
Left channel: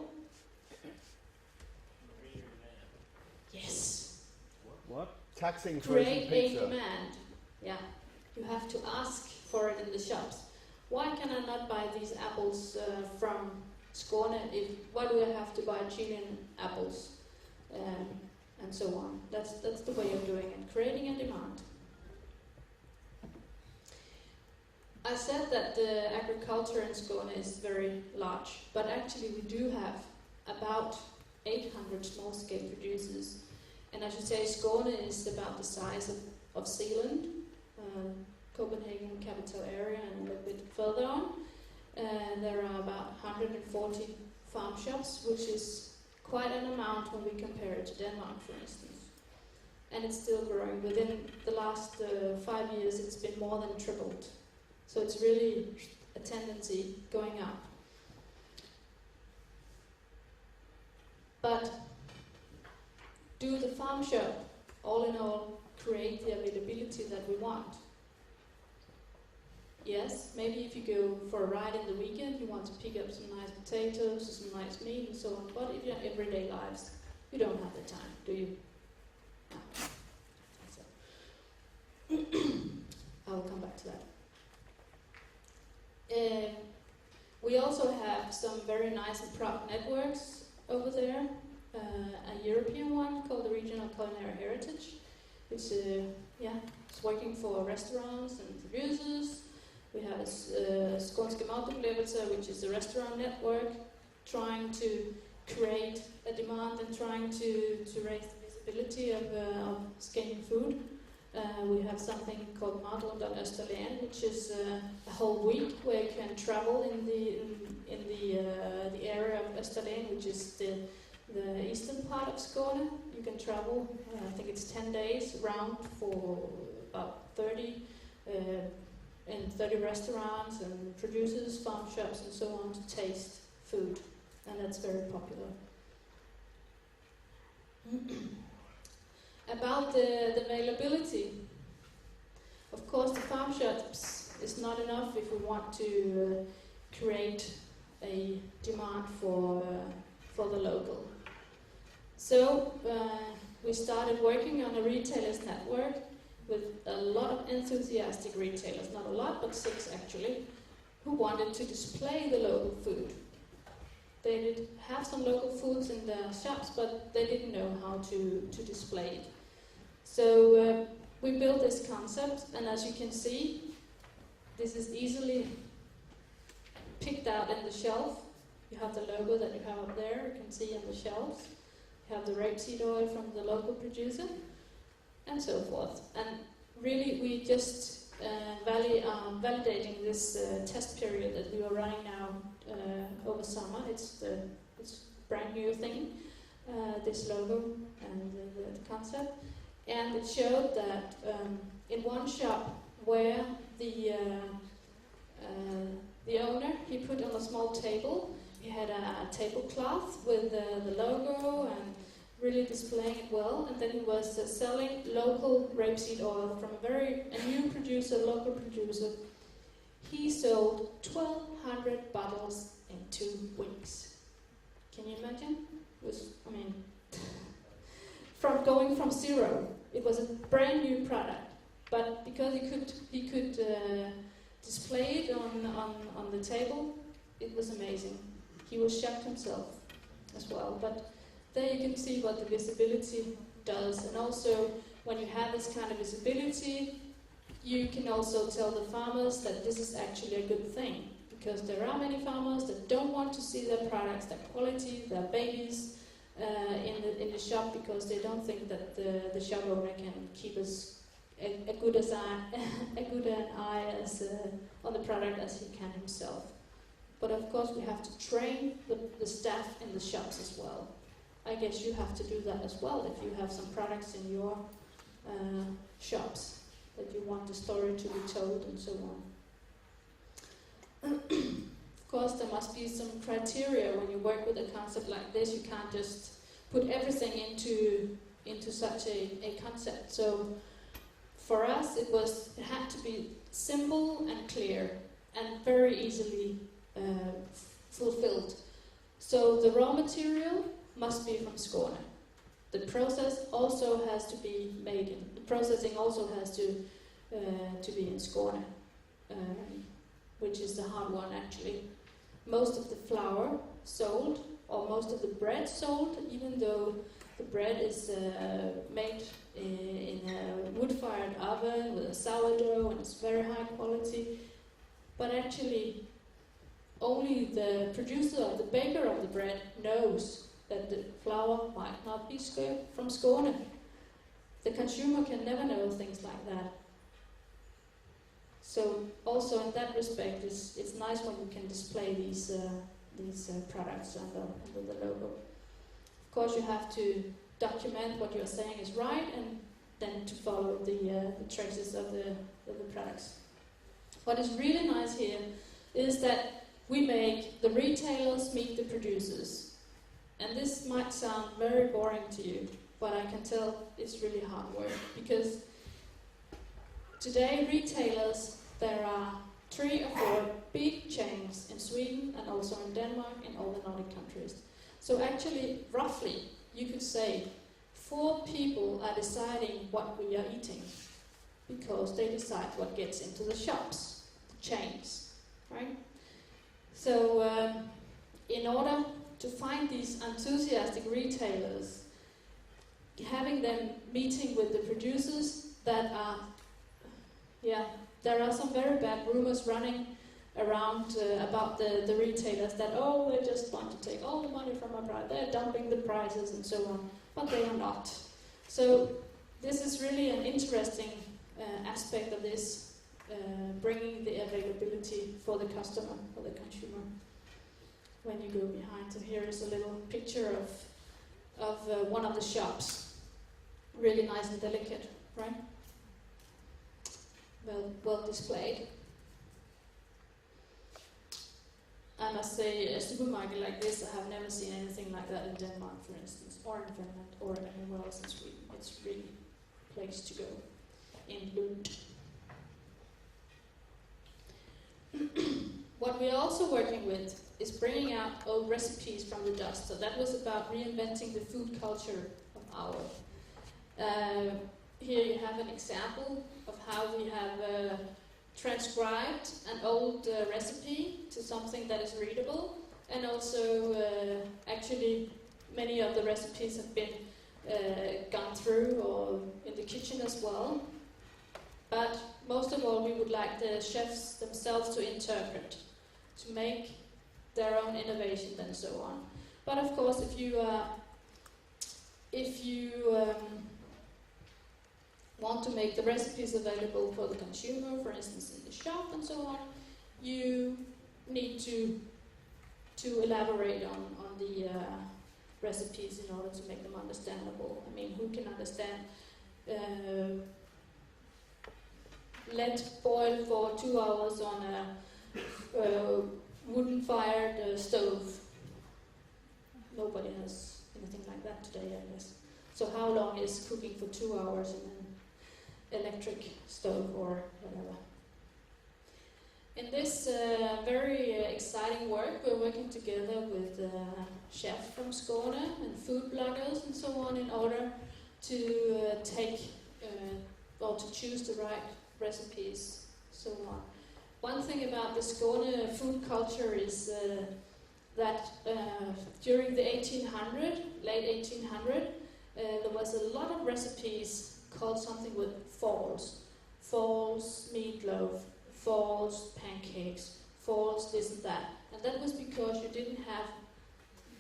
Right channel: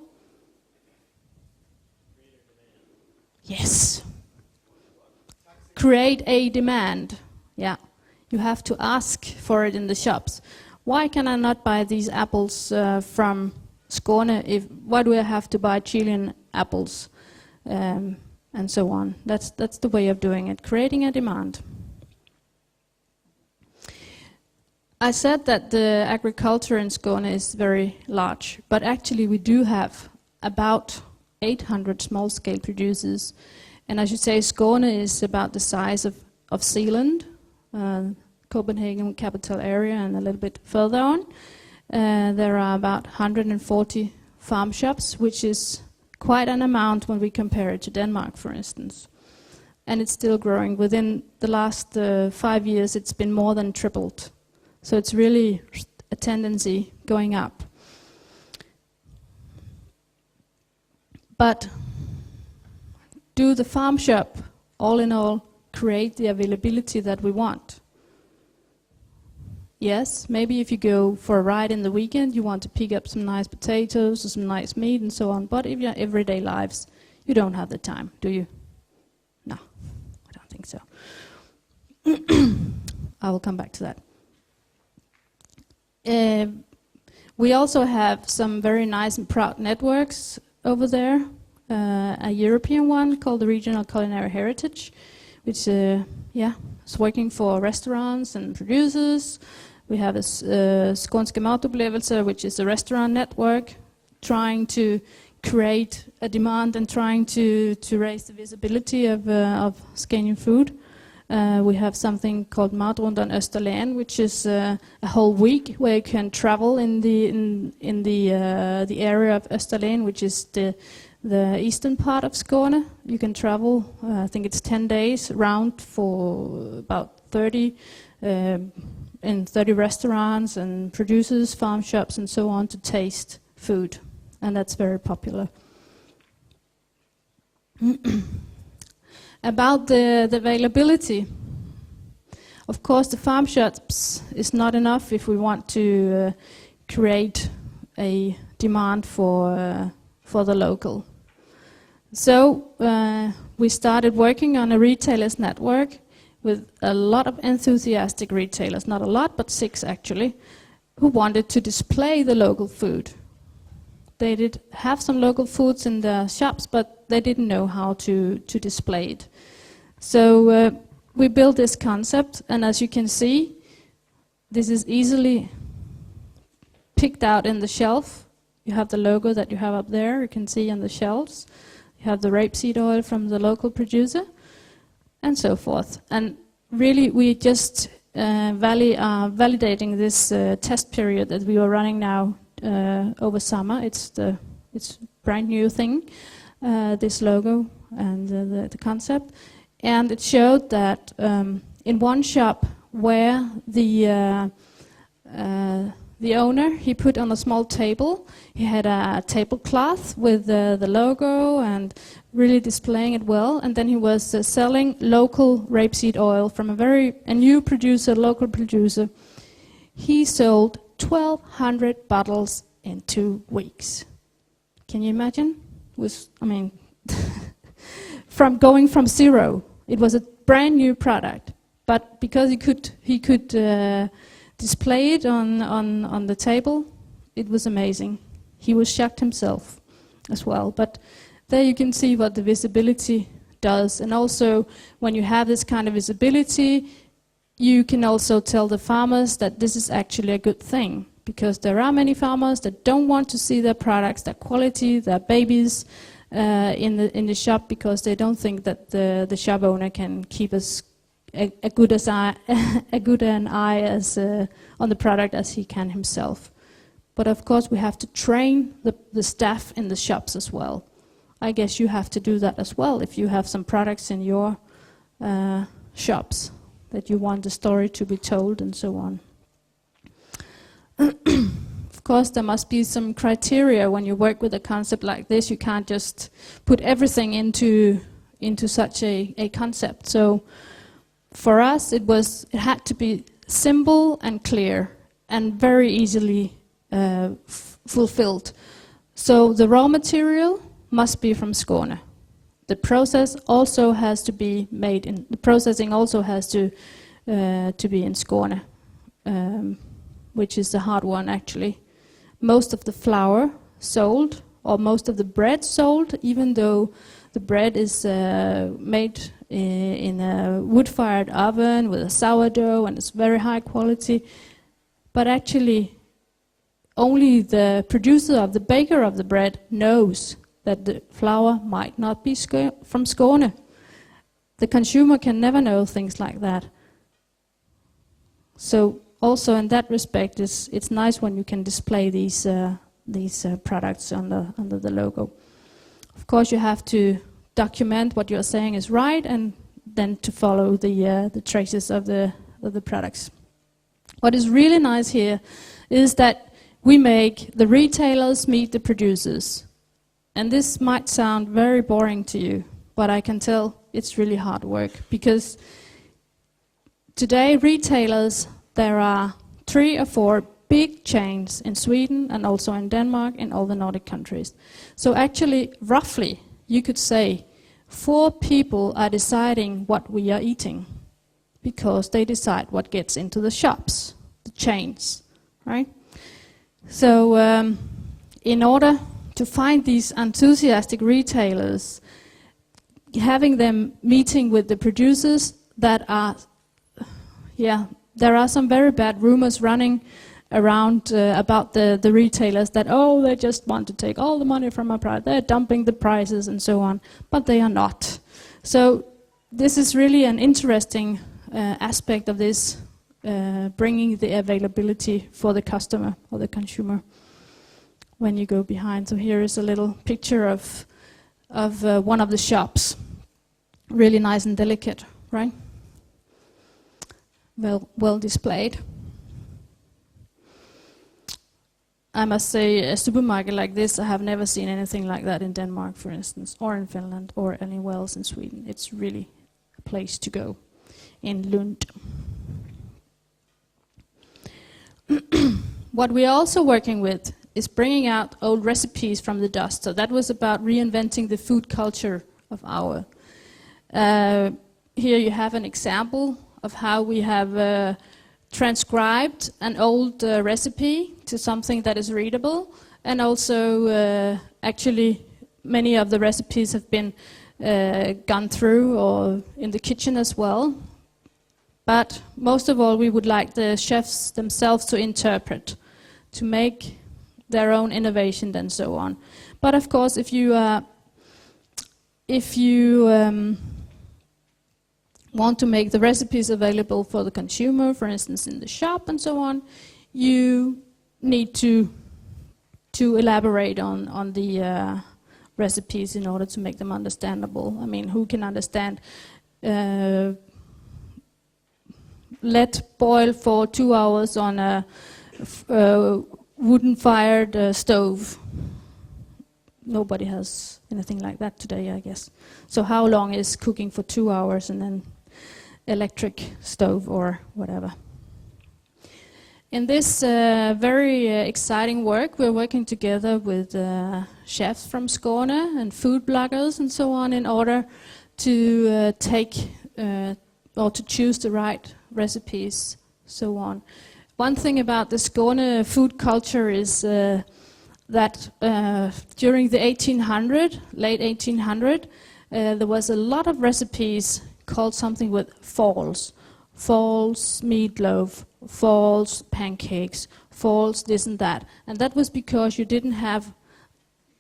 Yes. What? Taxing. Create a demand. Yeah. You have to ask for it in the shops. Why can I not buy these apples from Skåne? Why do I have to buy Chilean apples? And so on. That's the way of doing it, creating a demand. I said that the agriculture in Skåne is very large, but actually we do have about 800 small-scale producers. And I should say Skåne is about the size of Zealand, Copenhagen capital area, and a little bit further on. There are about 140 farm shops, which is quite an amount when we compare it to Denmark, for instance. And it's still growing. Within the last 5 years, it's been more than tripled. So it's really a tendency going up. But do the farm shop, all in all, create the availability that we want? Yes, maybe if you go for a ride in the weekend, you want to pick up some nice potatoes or some nice meat and so on. But in your everyday lives, you don't have the time, do you? No, I don't think so. I will come back to that. We also have some very nice and proud networks over there. A European one called the Regional Culinary Heritage, which is working for restaurants and producers. We have a Skånska Matupplevelser, which is a restaurant network trying to create a demand and trying to raise the visibility of Scandinavian food. We have something called Matrundan Österlen, which is a whole week where you can travel in the area of Österlen, which is the eastern part of Skåne. You can travel, I think it's 10 days round for about 30 restaurants and producers, farm shops and so on to taste food. And that's very popular. About the availability, of course the farm shops is not enough if we want to create a demand for the local. So we started working on a retailers network with a lot of enthusiastic retailers, not a lot, but 6 actually, who wanted to display the local food. They did have some local foods in the shops, but they didn't know how to display it. So we built this concept, and as you can see, this is easily picked out in the shelf. You have the logo that you have up there, you can see on the shelves. You have the rapeseed oil from the local producer, and so forth. And really, we just validating this test period that we are running now over summer. It's brand new thing, this logo and the concept. And it showed that in one shop where the owner, he put on a small table, he had a tablecloth with the logo and really displaying it well, and then he was selling local rapeseed oil from a new producer, local producer. He sold 1,200 bottles in 2 weeks. Can you imagine? From going from zero, it was a brand new product, but because he could display it on the table, it was amazing. He was shocked himself as well. But there you can see what the visibility does, and also when you have this kind of visibility, you can also tell the farmers that this is actually a good thing, because there are many farmers that don't want to see their products, their quality, their babies in the shop, because they don't think that the shop owner can keep as good an eye as on the product as he can himself. But of course we have to train the staff in the shops as well. I guess you have to do that as well if you have some products in your shops that you want the story to be told and so on. Of course there must be some criteria when you work with a concept like this. You can't just put everything into such a concept. So for us it had to be simple and clear and very easily fulfilled. So the raw material must be from Skåne. The process also has to be made in, the processing also has to be in Skåne, which is the hard one actually. Most of the flour sold, or most of the bread sold, even though the bread is made in a wood-fired oven with a sourdough and it's very high quality, but actually only the producer of the baker of the bread knows that the flour might not be from Skåne. The consumer can never know things like that. So also in that respect, it's nice when you can display these products under the logo. Of course, you have to document what you're saying is right, and then to follow the traces of the products. What is really nice here is that we make the retailers meet the producers. And this might sound very boring to you, but I can tell it's really hard work, because today retailers, there are 3 or 4 big chains in Sweden and also in Denmark, in all the Nordic countries. So actually, roughly, you could say 4 people are deciding what we are eating, because they decide what gets into the shops, the chains, right? So in order to find these enthusiastic retailers, having them meeting with the producers that are, there are some very bad rumors running around about the retailers that, oh, they just want to take all the money from our product, they're dumping the prices and so on, but they are not. So this is really an interesting aspect of this, bringing the availability for the customer or the consumer when you go behind. So here is a little picture of one of the shops. Really nice and delicate, right? Well displayed. I must say, a supermarket like this, I have never seen anything like that in Denmark, for instance, or in Finland, or anywhere else in Sweden. It's really a place to go in Lund. What we are also working with is bringing out old recipes from the dust. So that was about reinventing the food culture of our Here you have an example of how we have transcribed an old recipe to something that is readable, and also actually many of the recipes have been gone through or in the kitchen as well. But most of all, we would like the chefs themselves to interpret, to make their own innovation and so on. But of course, if you want to make the recipes available for the consumer, for instance in the shop and so on, you need to elaborate on the recipes in order to make them understandable. I mean, who can understand let boil for 2 hours on a wooden-fired stove? Nobody has anything like that today, I guess. So how long is cooking for 2 hours and then electric stove or whatever? In this very exciting work, we're working together with chefs from Skåne and food bloggers and so on in order to take or to choose the right recipes, so on. One thing about the Skåne food culture is that during the late 1800, there was a lot of recipes called something with falls meatloaf, falls pancakes, falls this and that. And that was because you didn't have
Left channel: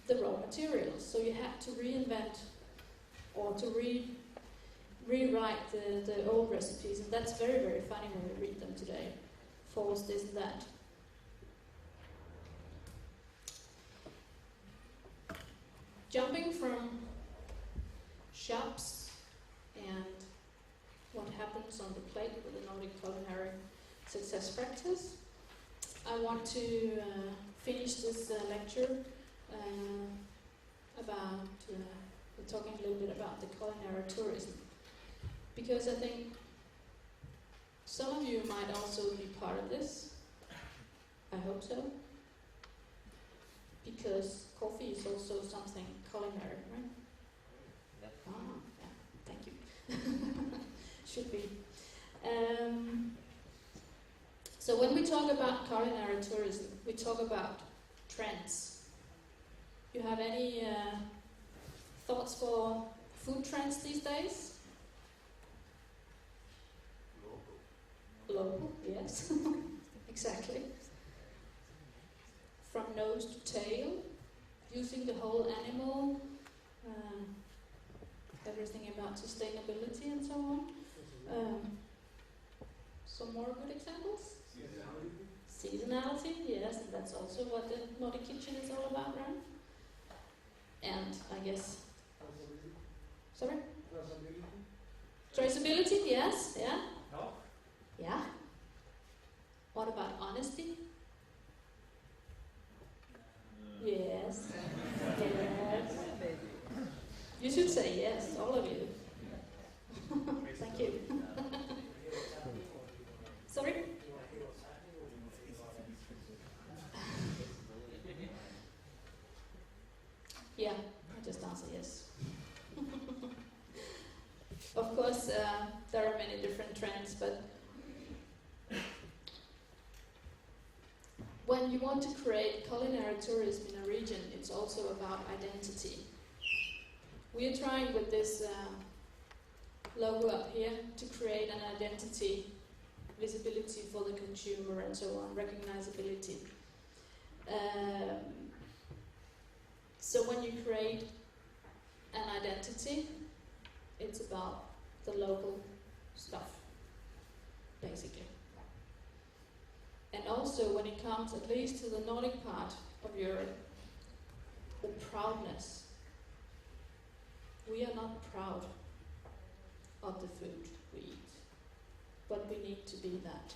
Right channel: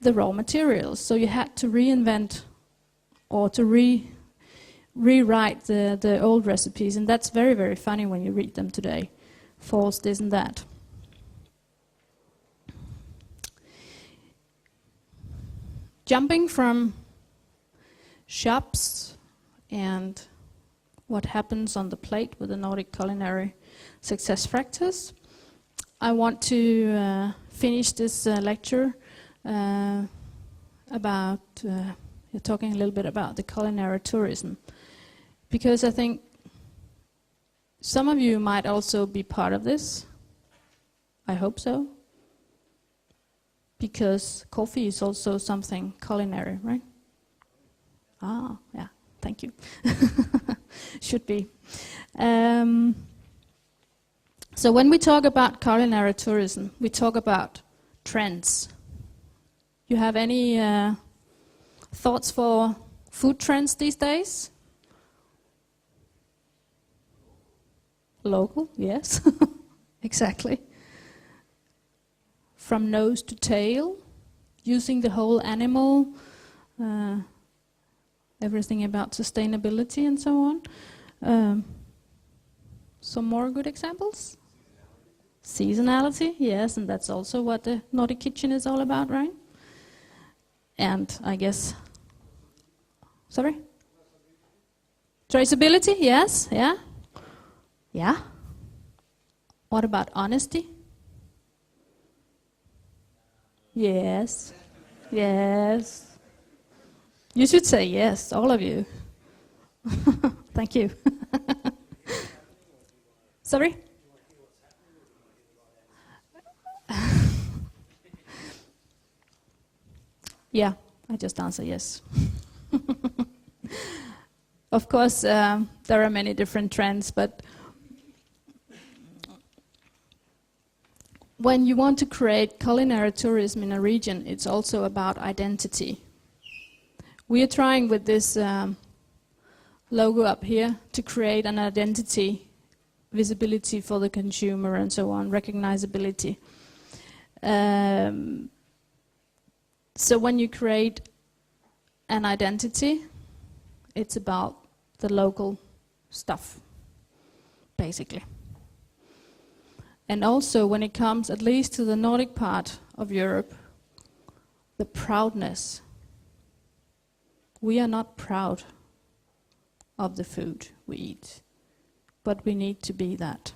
the raw materials, so you had to reinvent or to rewrite the old recipes, and that's very, very funny when you read them today. Falls this and that. Jumping from shops and what happens on the plate with the Nordic culinary success factors, I want to finish this lecture about talking a little bit about the culinary tourism, because I think some of you might also be part of this. I hope so, because coffee is also something culinary, right? Ah, yeah, thank you. Should be. So when we talk about culinary tourism, we talk about trends. You have any thoughts for food trends these days? Local, yes, exactly. From nose to tail, using the whole animal, everything about sustainability and so on. Some more good examples? Seasonality, yes, and that's also what the Nordic Kitchen is all about, right? And I guess... Sorry? Traceability, yes, yeah. Yeah. What about honesty? Yes. Yes. You should say yes, all of you. Thank you. Sorry? Yeah, I just answer yes. Of course, there are many different trends, but when you want to create culinary tourism in a region, it's also about identity. We are trying with this logo up here to create an identity, visibility for the consumer and so on, recognizability. So when you create an identity, it's about the local stuff, basically. And also when it comes, at least to the Nordic part of Europe, the proudness. We are not proud of the food we eat, but we need to be that.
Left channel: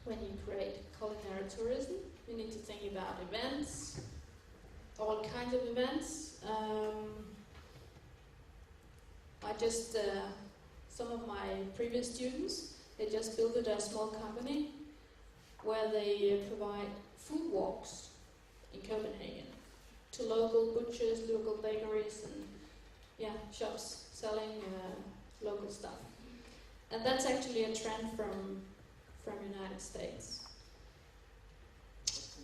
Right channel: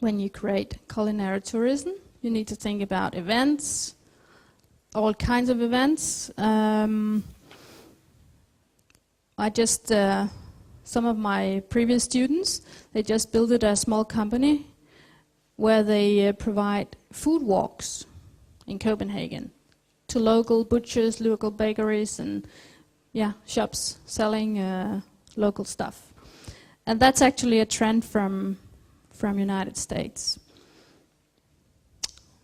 When you create culinary tourism, you need to think about events, all kinds of events. Some of my previous students, they just built a small company where they provide food walks in Copenhagen to local butchers, local bakeries, and shops selling local stuff. And that's actually a trend from United States.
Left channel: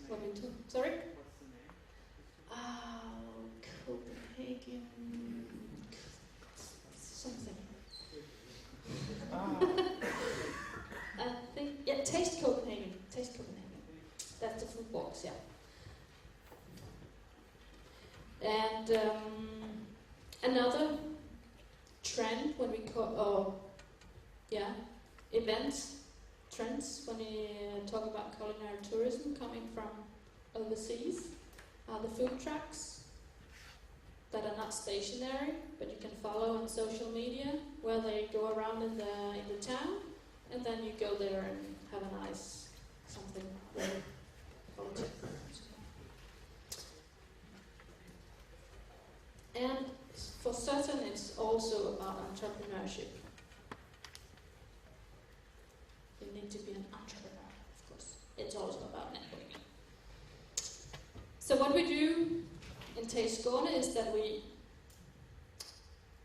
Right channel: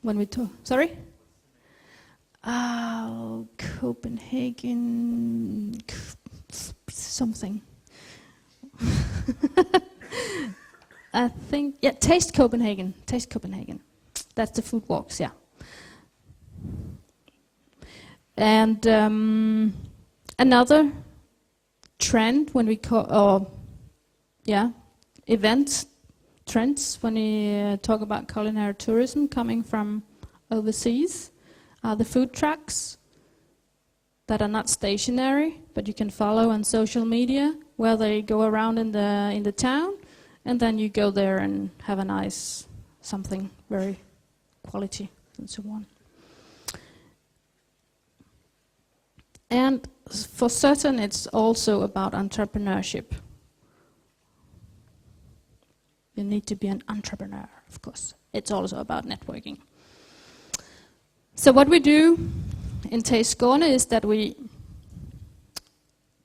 When we talk, sorry? Oh, Copenhagen, something. I think, Taste Copenhagen. Taste Copenhagen. That's the food walks, yeah. And another trend when we event trends when we talk about culinary tourism coming from overseas are the food trucks that are not stationary, but you can follow on social media, where they go around in the town, and then you go there and have a nice something very quality and so on. And for certain, it's also about entrepreneurship. You need to be an entrepreneur, of course. It's also about networking. So what we do in Taste Skåne is that we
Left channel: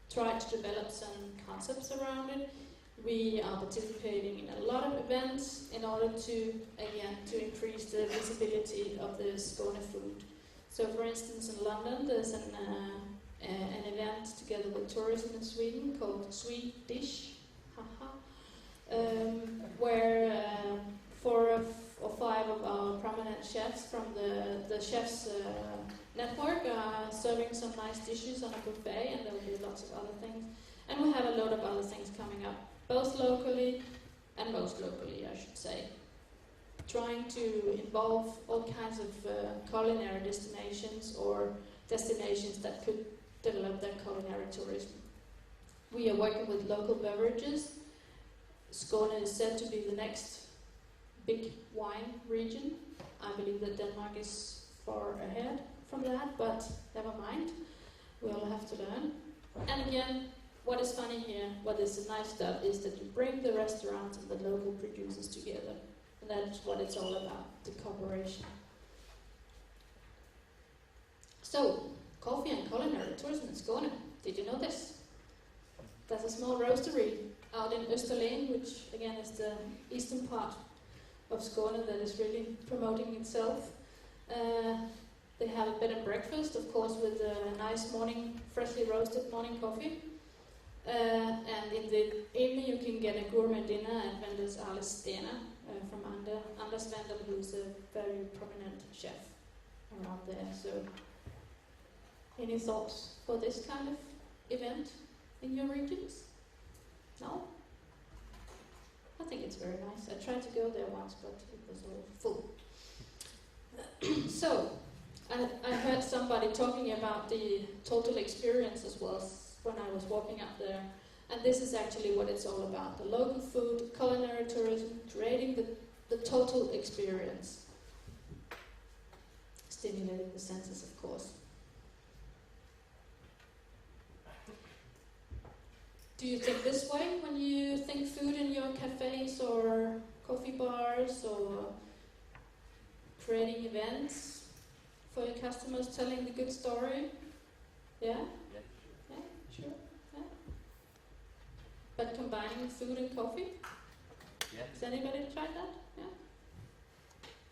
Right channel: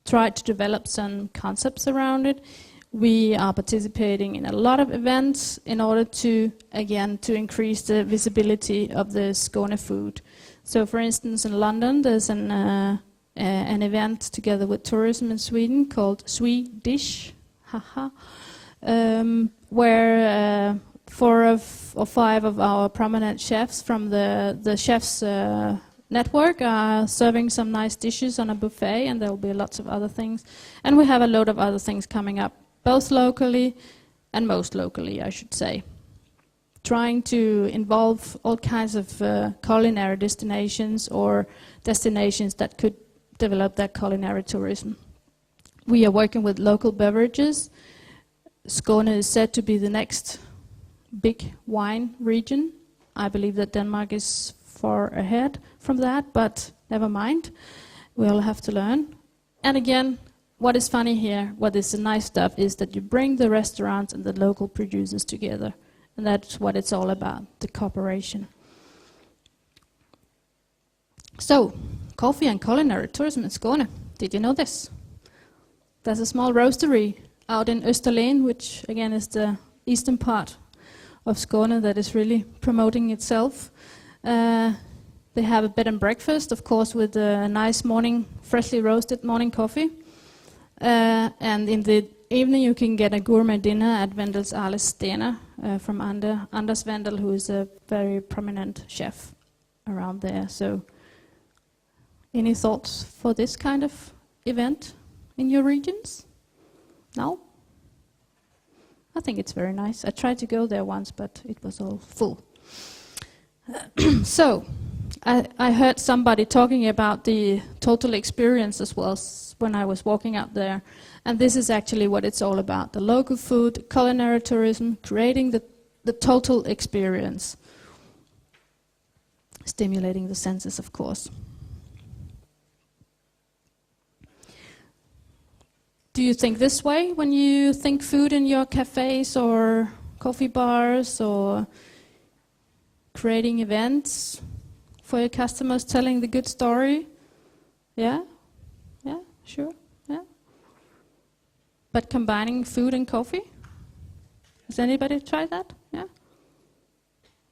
try to develop some concepts around it. We are participating in a lot of events in order to, again, to increase the visibility of the Skåne food. So for instance, in London, there's an event together with tourism in Sweden called Swedish, where 4 or 5 of our prominent chefs from the chefs network are serving some nice dishes on a buffet, and there will be lots of other things. And we have a load of other things coming up, both locally and most locally, I should say. Trying to involve all kinds of culinary destinations or destinations that could develop that culinary tourism. We are working with local beverages. Skåne is said to be the next big wine region. I believe that Denmark is far ahead from that, but never mind. We all have to learn. And again, what is funny here, what is the nice stuff, is that you bring the restaurants and the local producers together. And that's what it's all about, the cooperation. So, coffee and culinary tourism in Skåne. Did you know this? There's a small roastery out in Österlen, which again is the eastern part of Skåne that is really promoting itself. They have a bed and breakfast, of course, with a nice morning, freshly roasted morning coffee. And in the evening you can get a gourmet dinner at Wendel's Arles Stena from Anders Wendel, who is a very prominent chef around there. So, any thoughts for this kind of event in your regions? No? I think it's very nice. I tried to go there once, but it was all full. So, I heard somebody talking about the total experience as well when I was walking up there. And this is actually what it's all about. The local food, culinary tourism, creating the total experience. Stimulating the senses, of course. Do you think this way when you think food in your cafes or coffee bars, or creating events for your customers, telling the good story? Yeah? Yeah, sure, yeah. But combining food and coffee? Has anybody tried that? Yeah?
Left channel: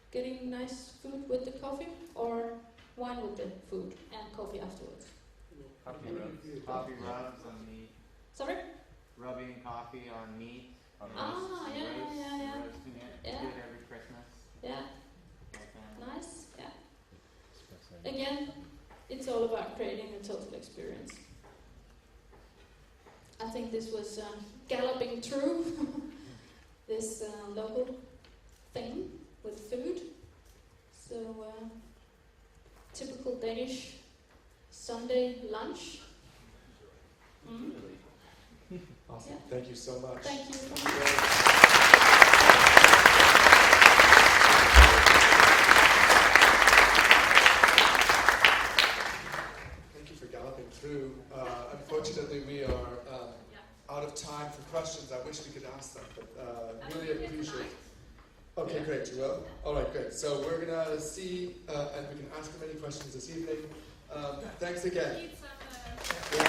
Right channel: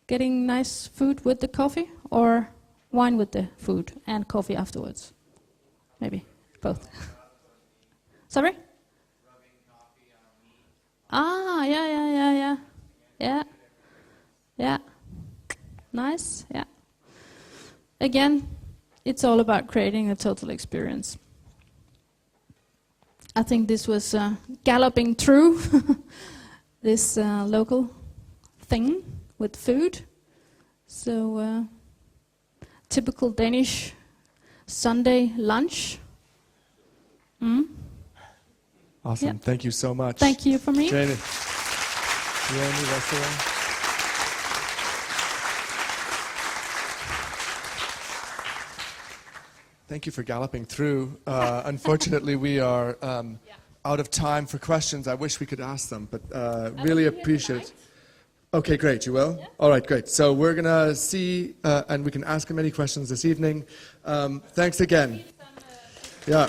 Getting nice food with the coffee, or wine with the food and coffee afterwards? Maybe both. Sorry? Rubbing coffee on meat. Ah, yeah. Yeah. Yeah. Nice, yeah. Again, it's all about creating a total experience. I think this was galloping through this local thing with food. So, typical Danish Sunday lunch. Awesome. Yeah. Thank you so much. Thank you for me. Jannie. Thank you for galloping through. Unfortunately, we are out of time for questions. I wish we could ask them, but really appreciate it. Okay, great. You will? Yeah. All right, great. So we're going to see, and we can ask him any questions this evening. Thanks again. Yeah.